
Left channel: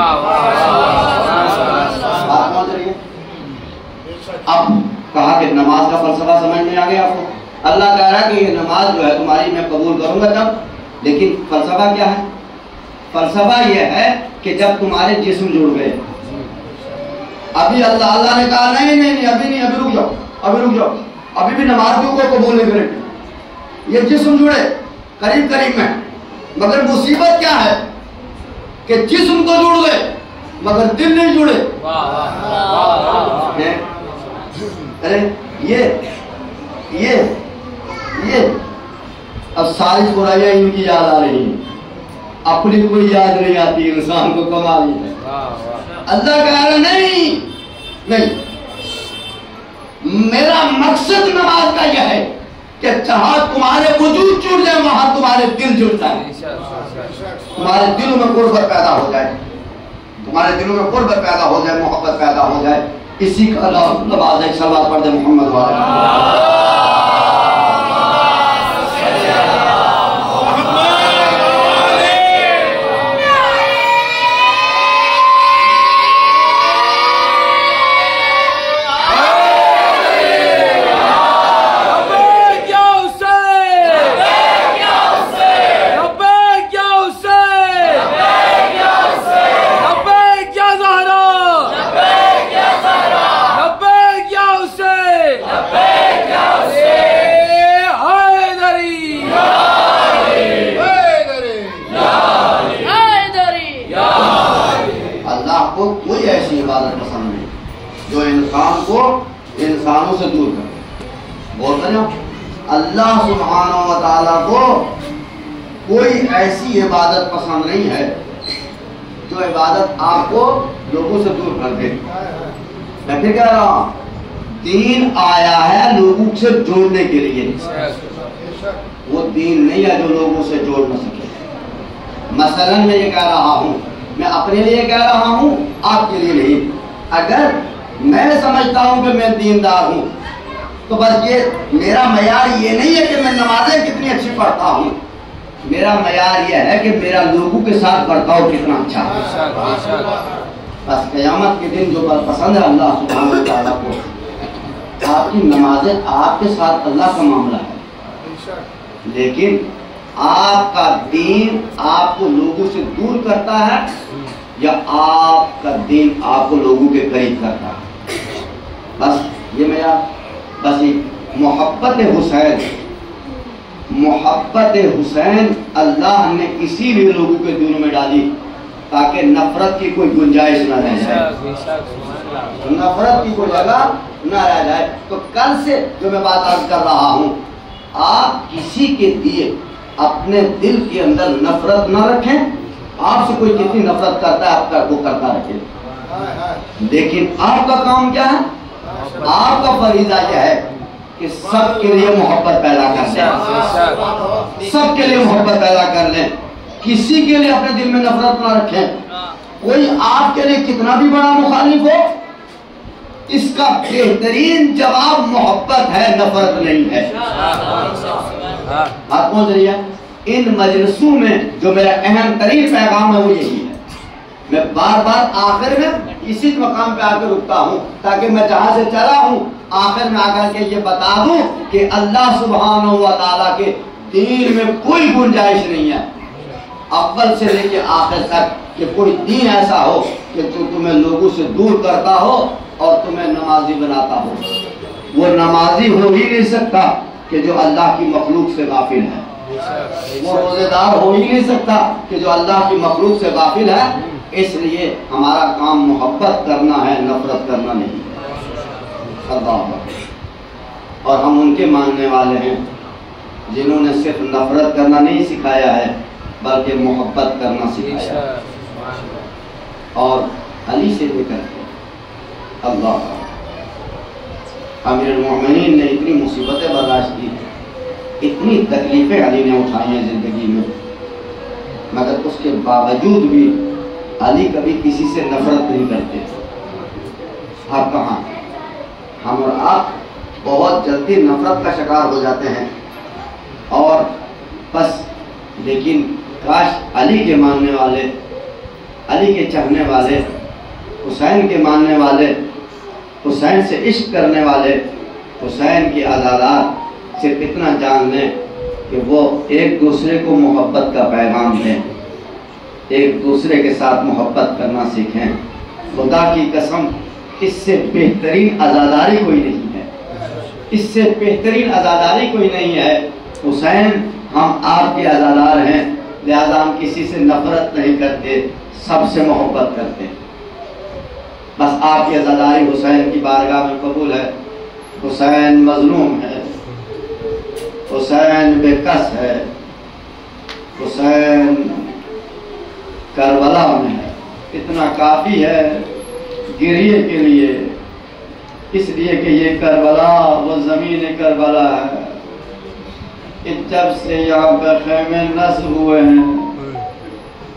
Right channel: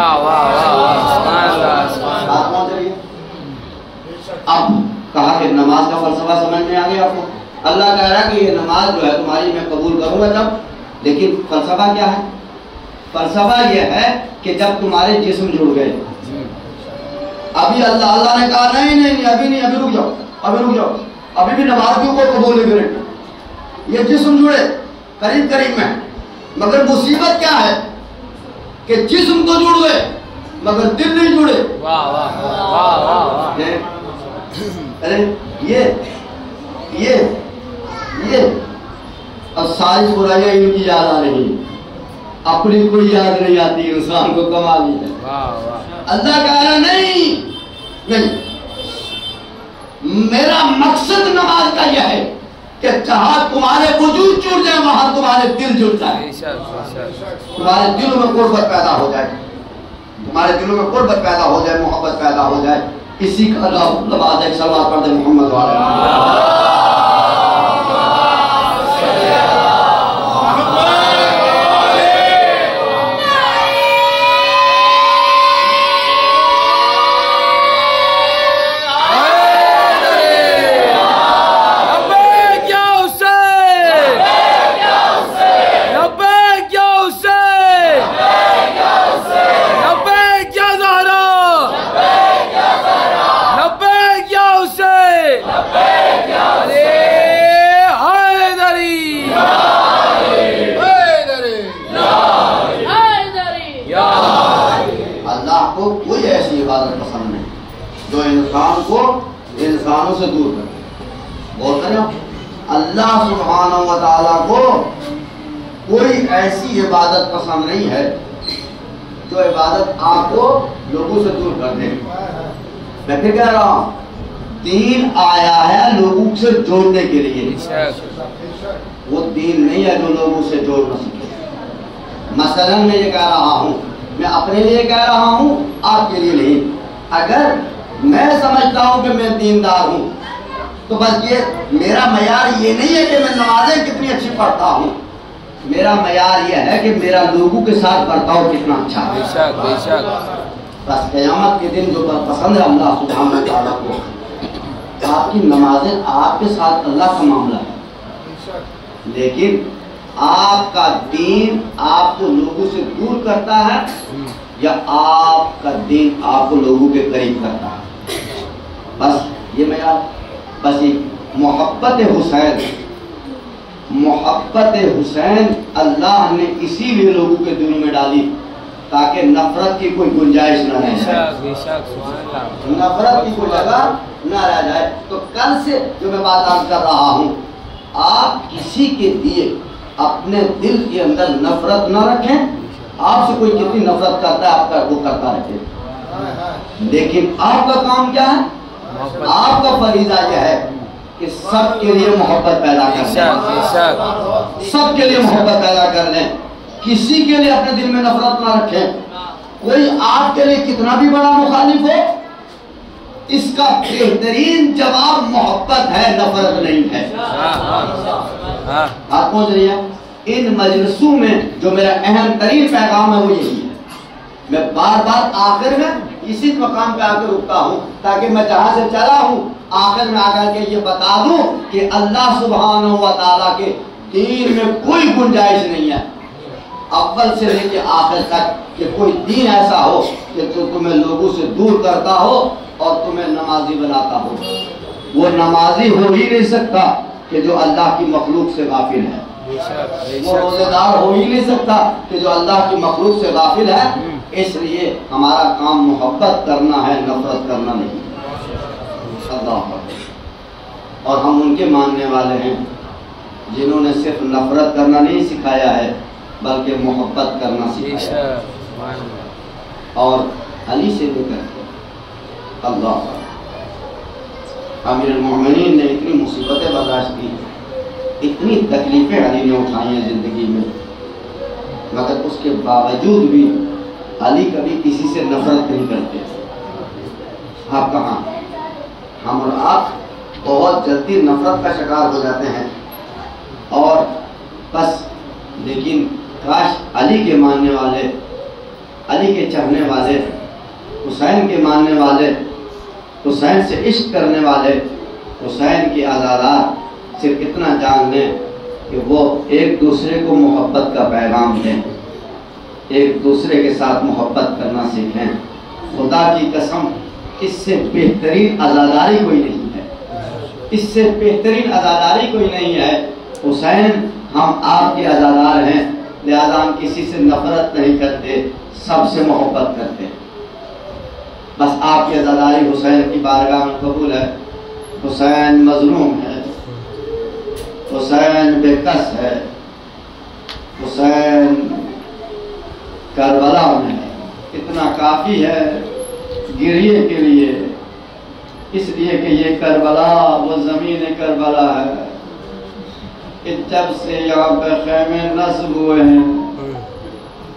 اب کہا کہ نماز کا فلسفہ سمجھ میں آ گیا آپ کو. اللہ کہہ رہا ہے کہ یہ نماز جو ہے تمہاری میں قبول کروں گا تب, لیکن فلسفہ کیا ہے؟ فلسفہ یہ ہے کہ جب تمہارے جسم جڑ گئے. ابھی اللہ نے کہا نہیں نہیں نہیں ابھی نہیں, ابھی رک جاؤ, ابھی رک جاؤ, ابھی بھی نمازیوں کو قبول نہیں کریں. یہ جسم جڑے قریب قریب میں, مگر مصیبت کیا ہے کہ جسم تو جڑ گئے مگر دل نہیں جڑے. ارے یہ اب ساری برائیاں ان کی یاد آ رہی ہیں، اپنی کوئی یاد نہیں آتی، انسان کو کمال ہے۔ اللہ کہہ رہا نہیں، میرا مقصد نماز کا یہ ہے کہ جہاں تمہارے وجود جڑ جائے وہاں تمہارے دل جڑ جائے، تمہارے دلوں میں قربت پیدا ہو جائے، تمہارے دلوں میں قربت پیدا ہو جائے، محبت پیدا ہو جائے، اسی کا نام نماز ہے۔ صلوات پڑھ دے محمد وعلیہ انسانوں سے دور کر، بولتے ہیں اللہ سبحانہ و تعالیٰ کو کوئی ایسی عبادت پسند نہیں ہے جو عبادت آپ کو لوگوں سے دور کر دے۔ میں پھر کہہ رہا ہوں، دین آیا ہے لوگوں سے جوڑنے کے لیے، وہ دین نہیں ہے جو لوگوں سے جوڑ نہ سکے۔ مثلا میں یہ کہہ رہا ہوں، میں اپنے لیے کہہ رہا ہوں، آپ کے لیے نہیں۔ اگر میں سمجھتا ہوں کہ میں دیندار ہوں تو بس یہ میرا معیار یہ نہیں ہے کہ میں نمازیں کتنی اچھی پڑھتا ہوں، میرا معیار یہ ہے کہ میرا لوگوں کے ساتھ برتاؤ کتنا اچھا ہے۔ بس قیامت کے دن جو پسند ہے اللہ سبحانہ و تعالیٰ کو، آپ کی نمازیں آپ کے ساتھ اللہ کا معاملہ ہے، لیکن آپ کا دین آپ کو لوگوں سے دور کرتا ہے یا آپ کا دین آپ کو لوگوں کے قریب کرتا ہے۔ بس یہ معیار، بس محبت حسین، محبت حسین اللہ نے اسی لیے لوگوں کے دلوں میں ڈالی تاکہ نفرت کی کوئی گنجائش نہ رہ جائے، نفرت کی کوئی جگہ نہ رہ جائے۔ تو کل سے جو میں بات عرض کر رہا ہوں، آپ کسی کے لیے اپنے دل کے اندر نفرت نہ رکھیں، آپ سے کوئی کتنی نفرت کرتا ہے آپ کا وہ کرتا رہے، لیکن آپ کا کام کیا ہے؟ آپ کا فریضہ یہ ہے کہ سب کے لیے محبت پیدا کر لیں، سب کے لیے محبت پیدا کر لیں، کسی کے لیے اپنے دل میں نفرت نہ رکھیں۔ کوئی آپ کے لیے کتنا بھی بڑا مخالف ہو، اس کا بہترین جواب محبت ہے، نفرت نہیں ہے۔ آپ پہنچ رہی ہے؟ ان مجلسوں میں جو میرا اہم ترین پیغام ہے وہ یہی ہے۔ میں بار بار آخر میں اسی مقام پہ آ کے رکتا ہوں تاکہ میں جہاں سے چلا ہوں آخر میں آ کر کے یہ بتا دوں کہ اللہ سبحانہ و تعالیٰ کے دین میں کوئی گنجائش نہیں ہے، اول سے لے کے آخر تک، کہ کوئی دین ایسا ہو کہ جو تمہیں لوگوں سے دور کرتا ہو اور تمہیں نمازی بناتا ہو۔ وہ نمازی ہو ہی نہیں سکتا کہ جو اللہ کی مخلوق سے غافل ہے، وہ روزے دار ہو ہی نہیں سکتا کہ جو اللہ کی مخلوق سے غافل ہے۔ اس لیے ہمارا کام محبت کرنا ہے، نفرت کرنا نہیں۔ اور ہم ان کے ماننے والے ہیں جنہوں نے صرف نفرت کرنا نہیں سکھایا ہے بلکہ محبت کرنا سکھایا ہے، اور علی سے بھی کرتے ہیں۔ اللہ امیر المومنین نے اتنی مصیبتیں برداشت کی، اتنی تکلیفیں علی نے اٹھائی ہیں زندگی میں، مگر اس کے باوجود بھی علی کبھی کسی سے نفرت نہیں کرتے۔ آپ کہاں، ہم اور آپ بہت جلدی نفرت کا شکار ہو جاتے ہیں، اور بس لیکن کاش علی کے ماننے والے، علی کے چاہنے والے، حسین کے ماننے والے، حسین سے عشق کرنے والے، حسین کی عزادات صرف اتنا جان لیں کہ وہ ایک دوسرے کو محبت کا پیغام دیں، ایک دوسرے کے ساتھ محبت کرنا سیکھیں۔ خدا کی قسم اس سے بہترین عزاداری کوئی نہیں ہے، اس سے بہترین عزاداری کوئی نہیں ہے۔ حسین ہم آپ کے عزادار ہیں، لہذا ہم کسی سے نفرت نہیں کرتے، سب سے محبت کرتے۔ بس آپ کی عزاداری حسین کی بارگاہ میں قبول ہے۔ حسین مظلوم ہے، حسین بے کس ہے، حسین کربلا میں ہے، اتنا کافی ہے گریے کے لیے، اس لیے کہ یہ کربلا وہ زمین کربلا ہے۔ جب سے یہاں پہ خیمے نصب ہوئے ہیں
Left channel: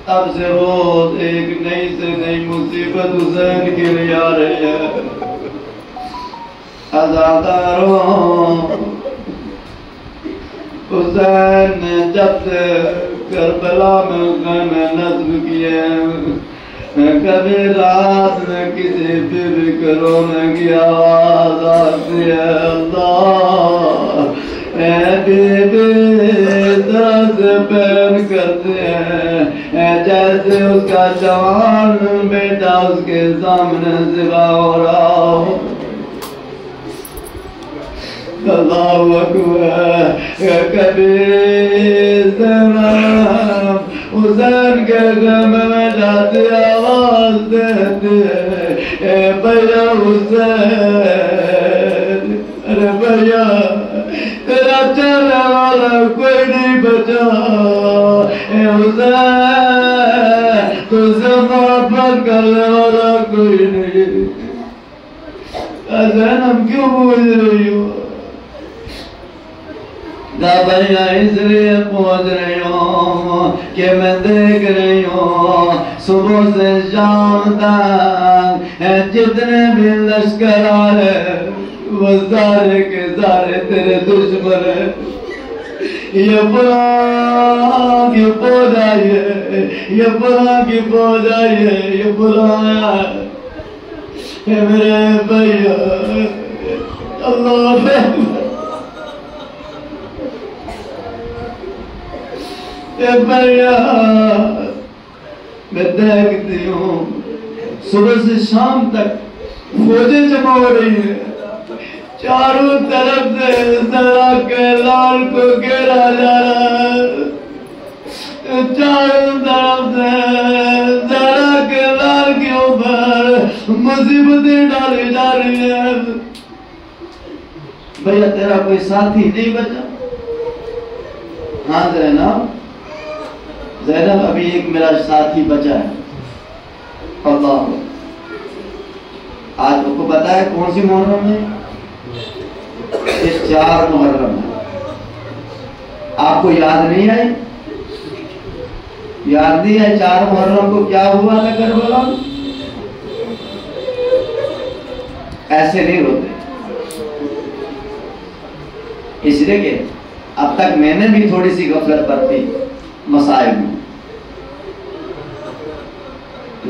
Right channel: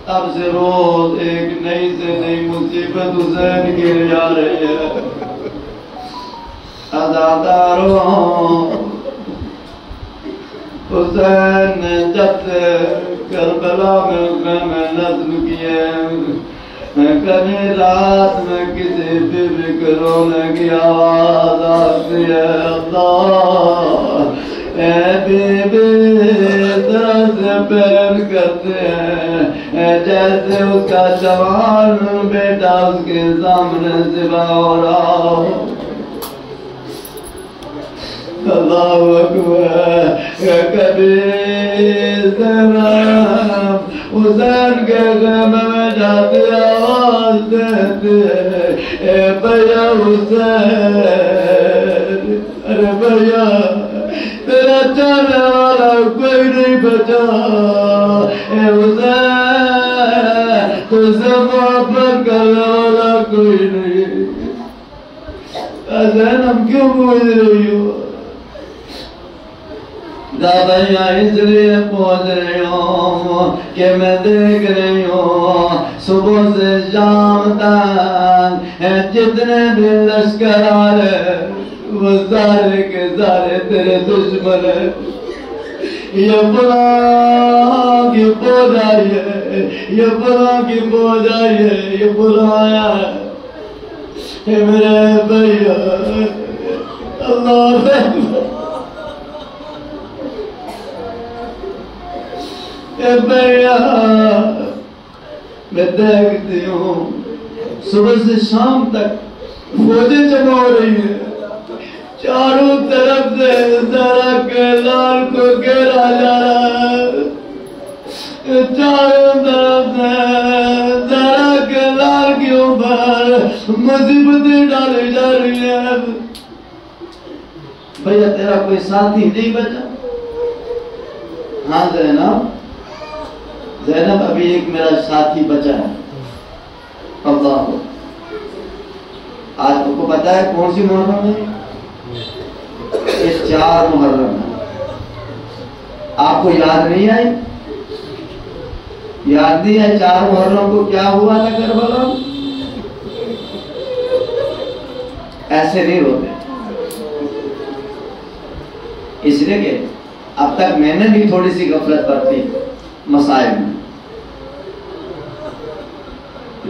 تب سے روز ایک نئی سے نئی مصیبت حسین کے لیے آ رہی ہے۔ عزاداروں، حسین نے جب سے کربلا میں خیمے نصب کیے، کبھی رات میں کسی بیوی کے رونے کی آواز آتی ہے، اللہ اے بیوی طرح سے پین کرتے ہیں جیسے اس کا جوان بیٹا اس کے سامنے ذبح ہو رہا ہو۔ اللہ اکبر۔ کبھی حسین کے خیمے میں جاتی آواز دیتی ہے، اے بھیا حسین، ارے بھیا تیرا چاہنے والا کوئی نہیں بچا، اے حسین تجھ سے محبت کرنے والا کوئی نہیں۔ زینب کیوں پوچھ رہی ہو؟ بھیا اس لیے پہنچ رہی ہوں کہ میں دیکھ رہی ہوں صبح سے شام تک جتنے بھی لشکر آ رہے وہ سارے کے سارے تیرے دشمن ہیں۔ یہ فلاں کی فوج آئی ہے، یہ فلاں کی فوج آئی ہے، یہ فلاں آیا ہے میرے بھیا۔ اللہ اکبر۔ اے بھیا میں دیکھتی ہوں صبح سے شام تک فوجیں جمع ہو رہی ہیں، چاروں طرف سے زہرا کے لال کو گھیرا جا رہا ہے، چاروں طرف سے زہرا کے لال کے اوپر مصیبتیں ڈالی جا رہی ہیں۔ بھیا تیرا کوئی ساتھی نہیں بچا؟ ہاں زینب، زینب ابھی ایک میرا ساتھی بچا ہے۔ اللہ، آج آپ کو پتا ہے کون سی محرم ہے؟ یہ 4 محرم ہے۔ آپ کو یاد نہیں آئی؟ یاد نہیں ہے 4 محرم کو کیا ہوا تھا کربلا؟ ایسے نہیں روتے، اس لیے کہ اب تک میں نے بھی تھوڑی سی غفلت برتی مسائل میں،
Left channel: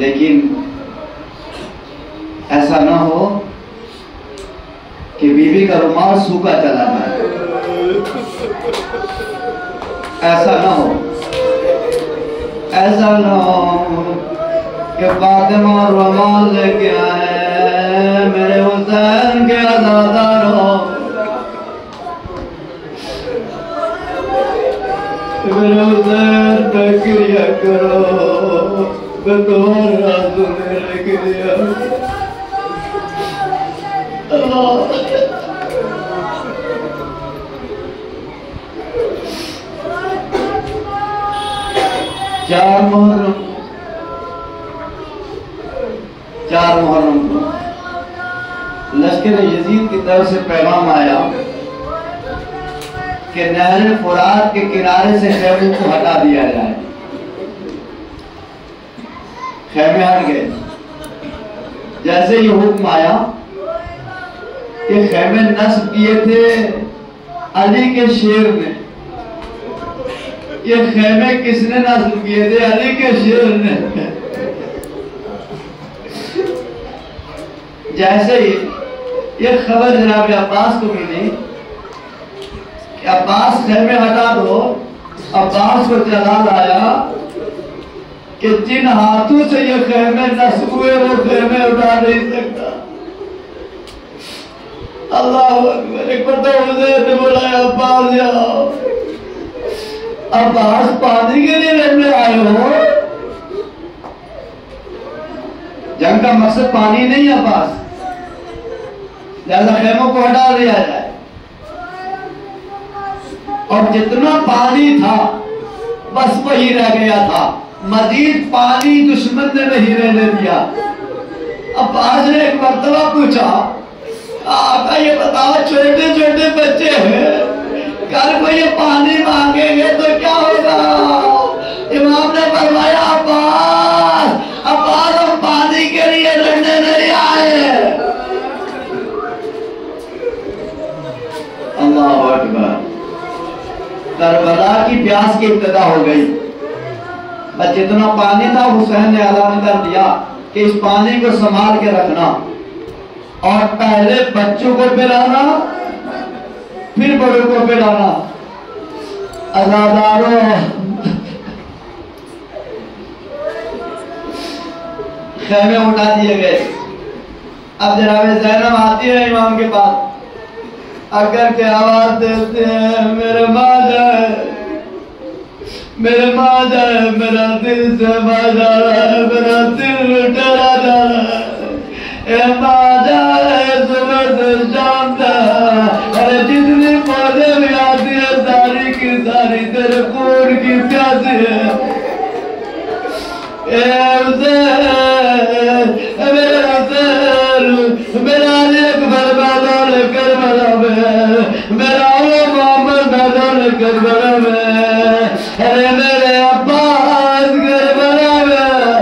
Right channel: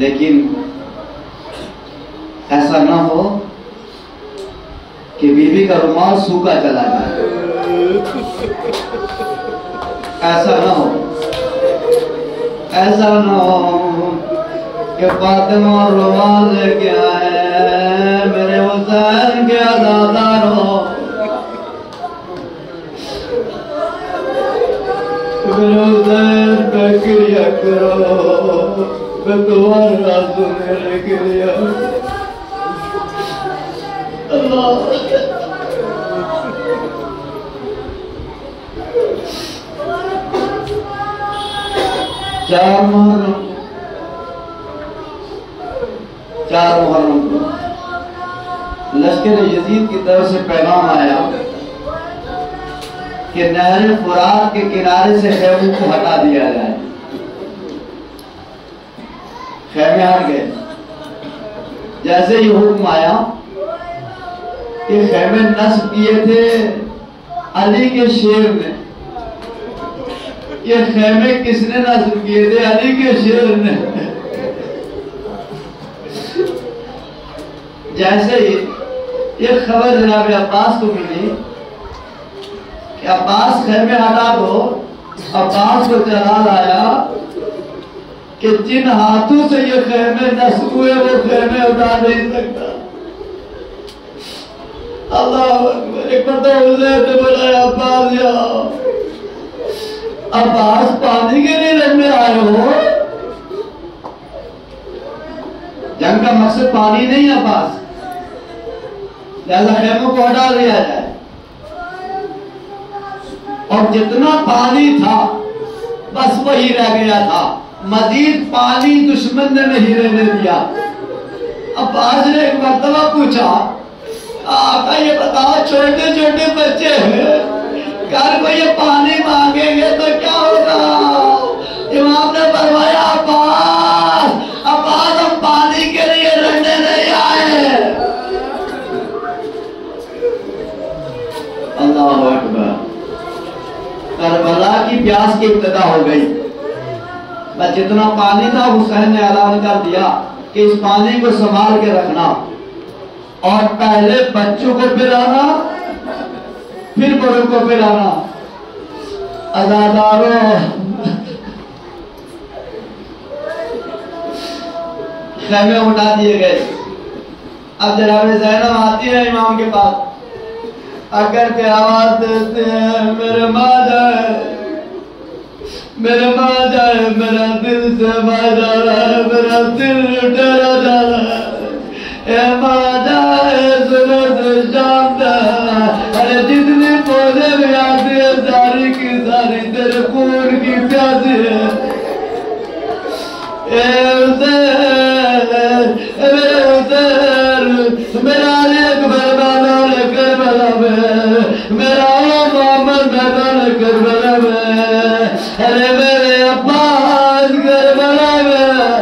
لیکن ایسا نہ ہو کہ بیوی کا رومال سوکھا چلا جائے، ایسا نہ ہو، ایسا نہ ہو کہ فاطمہ رومال لے کے آئے میرے حسین کے عزاداروں، میرے حسین پہ کریا کرو، میں تمہارا سننے کے لیے اللہ۔ چار محرم کو لشکر یزید کی طرف سے پیغام آیا کہ نہر فرات کے کنارے سے خیموں کو ہٹا دیا جائے۔ خیمے ہٹ گئے۔ جیسے یہ حکم آیا کہ خیمے نصب کیے تھے علی کے شیر نے، یہ خیمے کس نے نصب کیے تھے؟ علی کے شیر نے۔ جیسے ہی یہ خبر جناب عباس کو ملی کہ عباس خیمے ہٹا دو، عباس کو جلال آیا کہ جن ہاتھوں سے یہ خیمے نصب ہوئے وہ خیمے اٹھا نہیں سکتا۔ اللہ اکبر۔ ایک مرتبہ حسین نے بولا عباس جاؤ، عباس پانی کے لیے لڑنے آئے ہو؟ جنگ کا مقصد پانی نہیں ہے عباس، لہذا خیموں کو ہٹا دیا جائے۔ اور جتنا پانی تھا بس وہی رہ گیا تھا، مزید پانی دشمن نے نہیں رہنے دیا۔ عباس نے ایک مرتبہ پوچھا، آقا یہ بتاؤ چھوٹے چھوٹے بچے ہیں، کل کو یہ پانی مانگیں گے تو کیا ہوگا؟ امام نے فرمایا عباس ہم پانی کے لیے لڑنے نہیں آئے۔ اللہ اکبر۔ کربلا کی پیاس کی ابتدا ہو گئی، بس جتنا پانی تھا حسین نے اعلان کر دیا کہ اس پانی کو سنبھال کے رکھنا، اور پہلے بچوں کو پلانا پھر بڑوں کو پلانا۔ عزاداروں، خیمے اٹھا دیے گئے۔ اب جناب زینب آتی ہے امام کے پاس، اگر کے آواز دیتے ہیں میرے ماں جائے، میرے ماں جائے، میرا دل سے بھر جا رہا ہے، میرا دل ڈرا جا رہا ہے، اے ماں جائے صبح سے شام تک، ارے جتنی پوجے بھی آتی ہے ساری کی ساری تیرے خون کی پیاسی ہے۔ اے حسین، میرے حسین، میرا اکبر میدان کربلا میں، میرا محمد میدان کربلا میں، ارے میرے عباس کربلا میں۔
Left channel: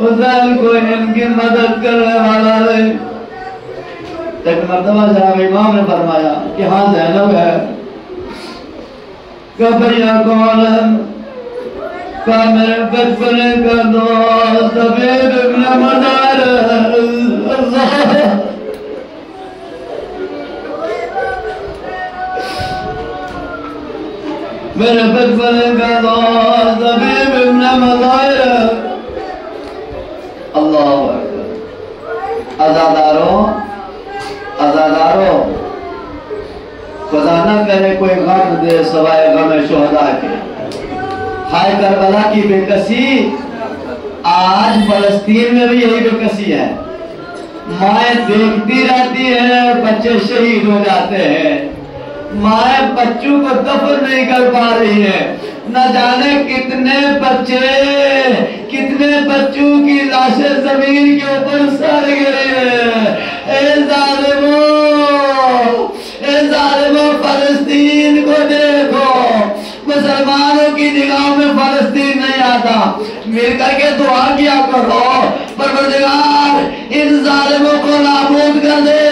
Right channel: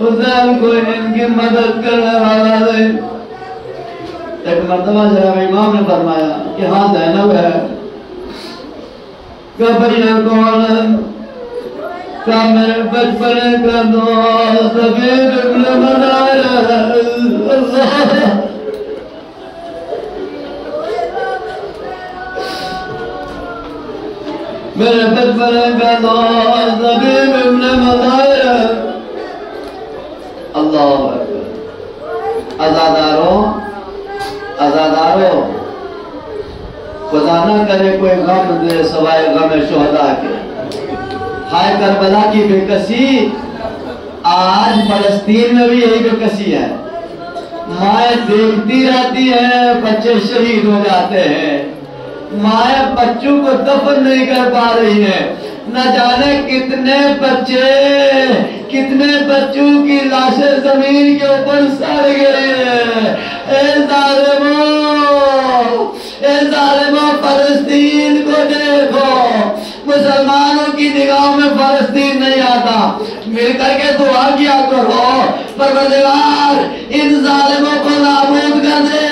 حسین کو ان کی مدد کرنے والا نہیں۔ ایک مرتبہ صاحب امام نے فرمایا کہ ہاں زینب ہے، کہ بھیا کون ہے؟ کہ میرے بچپنے کا دوست حبیب ابن منار ہے۔ میرے بچپنے کا دوست حبیب ابن منار ہے۔ اللہ اکبر۔ عزاداروں، خدا نہ کرے کوئی غم دے سوائے غم شہداء کے۔ ہائے کربلا کی بے کسی، آج فلسطین میں بھی یہی بے کسی ہے۔ مائیں دیکھتی رہتی ہیں بچے شہید ہو جاتے ہیں، مائیں بچوں کو دفن نہیں کر پا رہی ہیں، نہ جانے کتنے بچوں کی لاشیں زمین کے اوپر سڑ گئی ہیں۔ اے ظالموں فلسطین کو دیکھو، مسلمانوں کی نگاہ میں فلسطین نہیں آتا، مل کر کے دعا کیا کرو پروردگار ان ظالموں کو نابود کر دے۔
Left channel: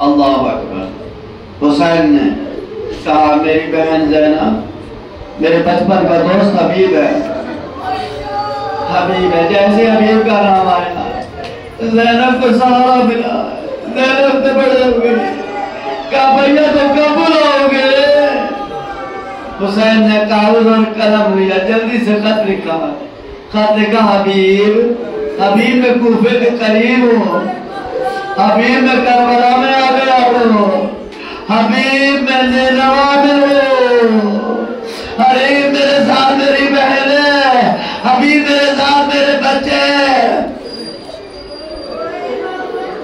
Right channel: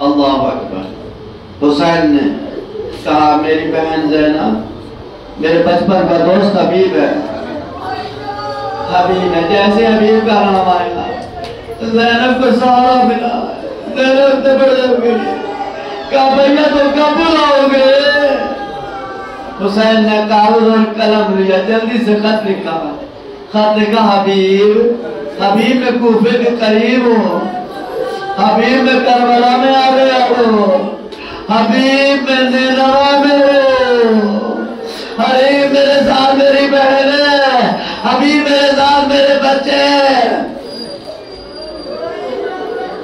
اللہ اکبر۔ حسین نے کہا میری بہن زینب میرے بچپن کا دوست حبیب ہے، حبیب ہے، جیسے حبیب کا نام آیا زینب کو سہارا ملا، زینب سے بڑھ گئی، کہا بھیا تو کب بلاؤ گے؟ حسین نے کاغذ اور قلم لیا، جلدی سے خط لکھا، خط لکھا حبیب میں کوفے کے قریب ہوں، حبیب میں کربلا میں آ گیا ہوں، حبیب میں نینوا میں ہوں، حبیب میرے ساتھ میری بہن ہے، حبیب میرے ساتھ میرے بچے ہیں۔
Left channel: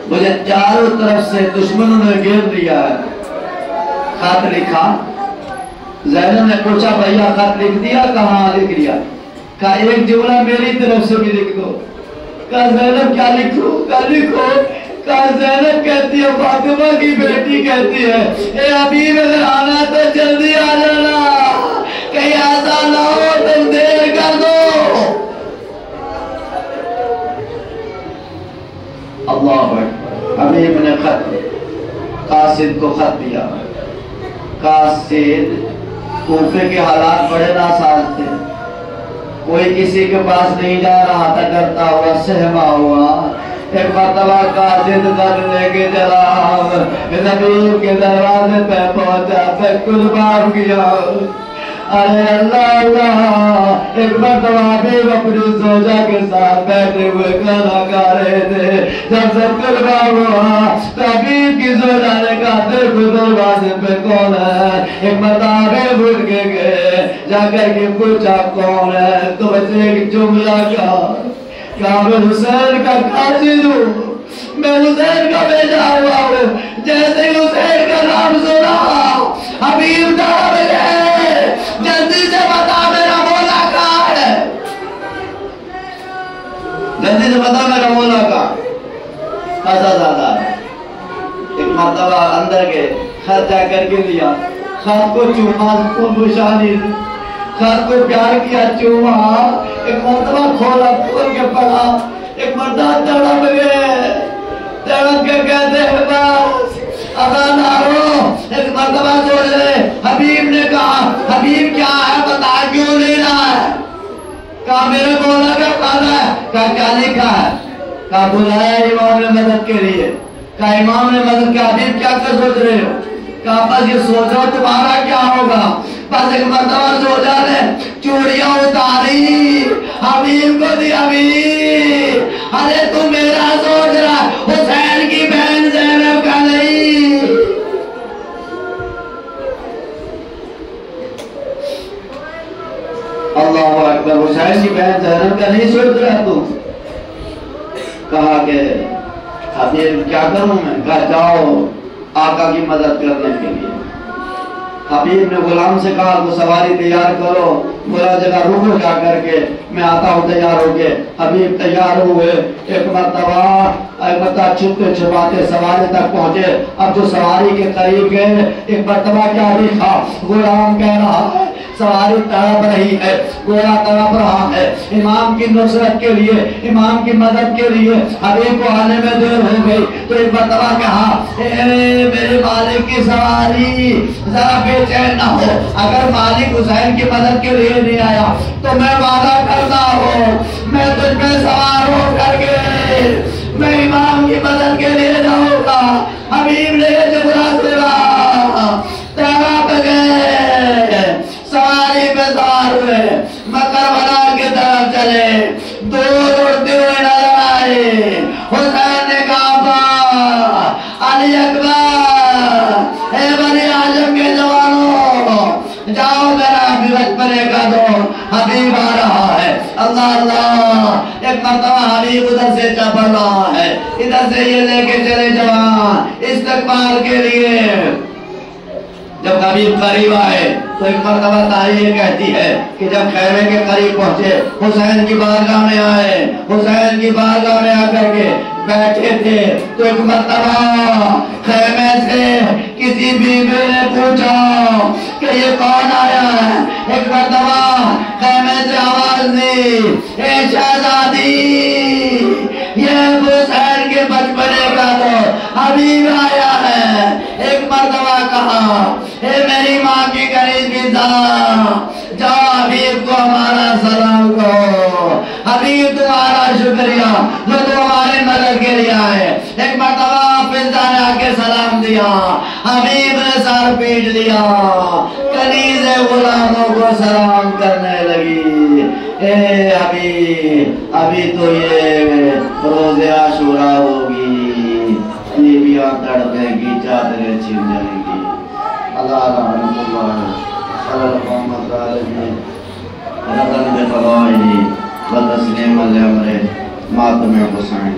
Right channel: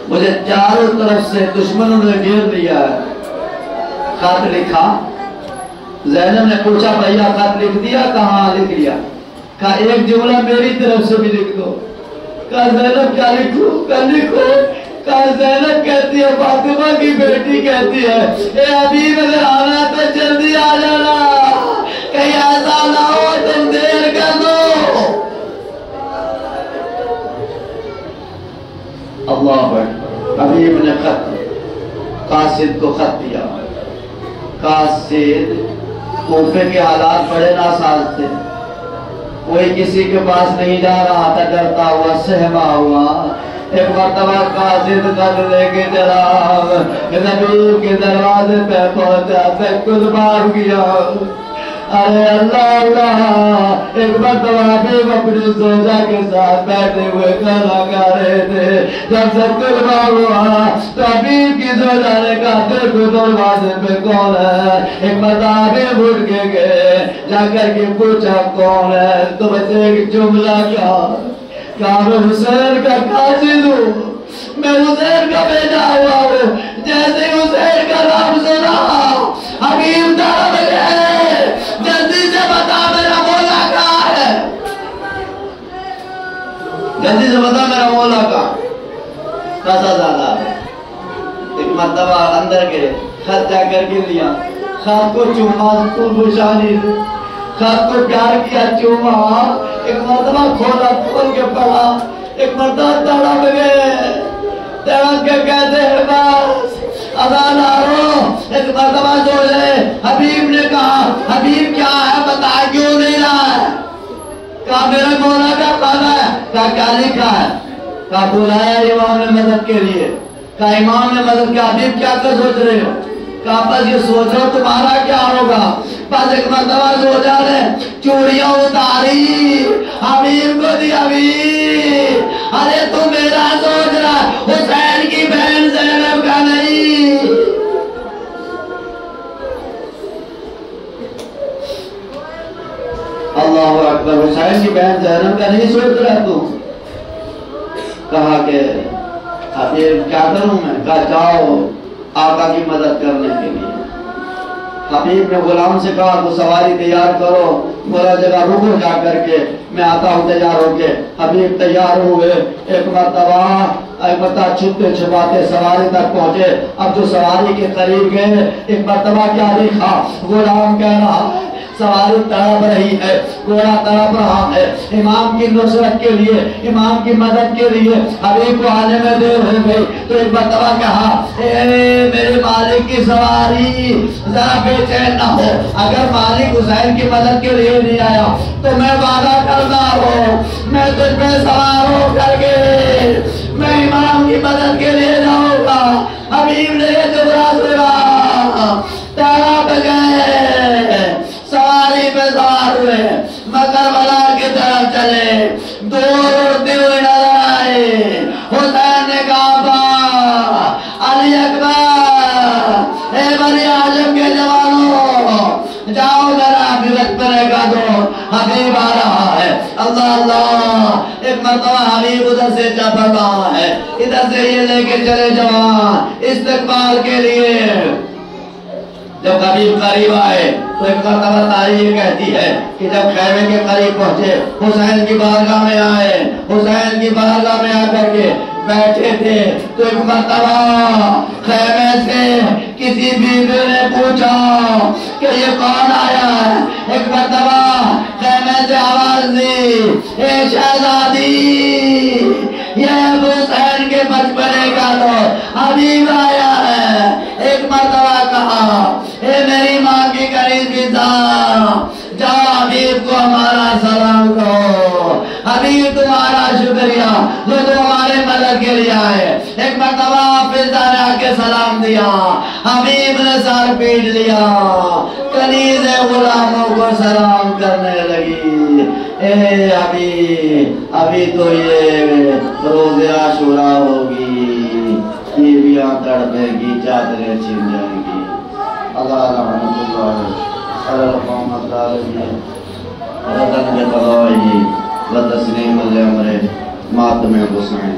مجھے چاروں طرف سے دشمنوں نے گھیر لیا ہے۔ خط لکھا، زینب نے پوچھا بھیا خط لکھ دیا؟ کہاں لکھ لیا؟ کہا ایک جملہ میری طرف سے بھی لکھ دو۔ کہا زینب کیا لکھوں؟ کہا لکھو۔ کہا زینب کہتی ہے فاطمہ کی بیٹی کہتی ہے اے حبیب اگر آنا تو جلدی آ جانا، کہیں ایسا نہ ہو تم دیر کر دو۔ اللہ اکبر۔ حبیب نے خط قاصد کو خط دیا۔ قاصد کوفے کے حالات بڑے ناساز تھے، کوئی کسی کے پاس نہیں جا رہا تھا، ڈرتا ہوا سہما ہوا۔ ایک مرتبہ قاصد خط لے کے چلا، حبیب کے دروازے پہ پہنچا، تکل مار گیا۔ ارے اللہ اللہ، ایک مرتبہ حبیب اپنی زوجہ کے ساتھ بیٹھے ہوئے کھانا کھا رہے تھے، جب سب کلمہ ہوا تو حبیب کی زوجہ نے کہا دیکھو دروازے پہ کون ہے۔ ایک مرتبہ حبیب اٹھ کے گئے، جا کر کے پوچھا کون ہے، تو بس ایک جملہ کہا کہ میں حسین کا قاصد ہوں، میں حسین کا بیٹا ہوا ہوں. جیسے حسین کا نام سنا حبیب تڑپ گئے. جلدی سے بتا میرا مولا کہاں ہے, جلدی سے بتا میرا مولا کہاں. قصہ زیادہ ہے. ایک مرتبہ اندر کے خرچہ کر کے لیا, خط کو چوما, کو بشانی خط کو پیار کیا, چوما. ایک مرتبہ کھولا, کھول کے پڑھا. ایک مرتبہ تڑپ گئے, تڑپ کے کہتے ہیں بس اذان آ رہا. ایک مرتبہ سوچ رہے, حبیب نے کہا حبیب کیا ہے بتا, کیوں نہیں رہا ہے. کہا میرے مولا کا کھانا ہے. کہا کیا لکھا ہے. کہا بلایا امام نے مدد کے لیے. کہا امام نے مدد کیا, حبیب کیا کر سوچ رہے ہو. کہا بس یہ سوچ رہا تمہارا کیا ہوگا. بس ایک مرتبہ سوچا نے چوڑیاں اتاری, حبیب کو دی. حبیب ارے تو میرا سوچ رہا, حسین کی بہن زینب کا نہیں. اللہ اکبر, حسین کی بہن زینب کا نہیں سوچ رہا تو. کہا کہ حبیب کیا کروں میں. کہا جاؤ آقا کی مدد کرنے کے لیے. حبیب نے غلام سے کہا وہ سواری تیار کرو, بولا جگہ رکو جا کر کے میں آتا ہوں تیار ہو کے. حبیب تیار ہوئے. ایک مرتبہ چھپتے چھپاتے سواری تک پہنچے. اب جو سواری کے قریب گئے, ایک مرتبہ کیا دیکھا, غلام کہہ رہا ہے سواری تڑپ رہی ہے, گھوڑا تڑپ رہا ہے. امام کی نصرت کے لیے, امام کی مدد کے لیے حبیب کو آنے میں دیر ہو گئی. تو ایک مرتبہ کہا اے میرے مالک کی سواری ذرا بے چین نہ ہو. اگر مالک حسین کی مدد کے لیے نہیں آیا تو میں وعدہ کرتا ہوں میں تجھ پہ سوار ہو کر کے میں امام کی مدد کے لیے جاؤں گا. حبیب نے جملہ سنا, تڑپ گئے, سواری پہ سوار ہوئے, کربلا کی طرف چلے. دور اڑتے ہوئے نظر آئے. حسین نے کہا علی اکبر, اے بنی ہاشم کے جوانوں جاؤ میرا بچپنے کا دو, حبیب آ رہا ہے. اللہ اللہ. ایک مرتبہ حبیب ادھر سے چپڑ رہا ہے, ادھر سے یہ لے کے چلے جوان استقبال کے لیے. جب حبیب قریب آئے تو ایک مرتبہ تاریخ یہ کہتی ہے کہ جب خیمے کے قریب پہنچے, حسین کی بارگاہ میں آئے, حسین کی بارگاہ میں آ کر کے بیٹھے تھے. تو ایک مرتبہ خیمے سے کسی بیوی نے پوچھا کہ یہ کون آیا ہے. ایک مرتبہ خیمے سے آواز دی, اے شہزادی یہ ابو حسین کے بچپنے کا تو حبیب آیا ہے. ایک مرتبہ کہا اے میری ماں کی قریبی ذات, جاؤ حبیب کو ہمارا سلام کہو. حبیب تمہارا شکریہ جو تم ہماری مدد کے لیے آئے. ایک مرتبہ حافظہ نے آ کے سلام دیا, حبیب نے سر پیٹ لیا, کنیز غلاموں کو سلام کرنے لگی. اے حبیب ابھی تو یہ روز عاشورا ہوگی, یہ بھی تڑپے گی, چادریں چھن جائیں گی. اللہ رحمت اللہ صلی محمد علیہ رضن بطلائی و تسلیم علیہ ماتم حسین.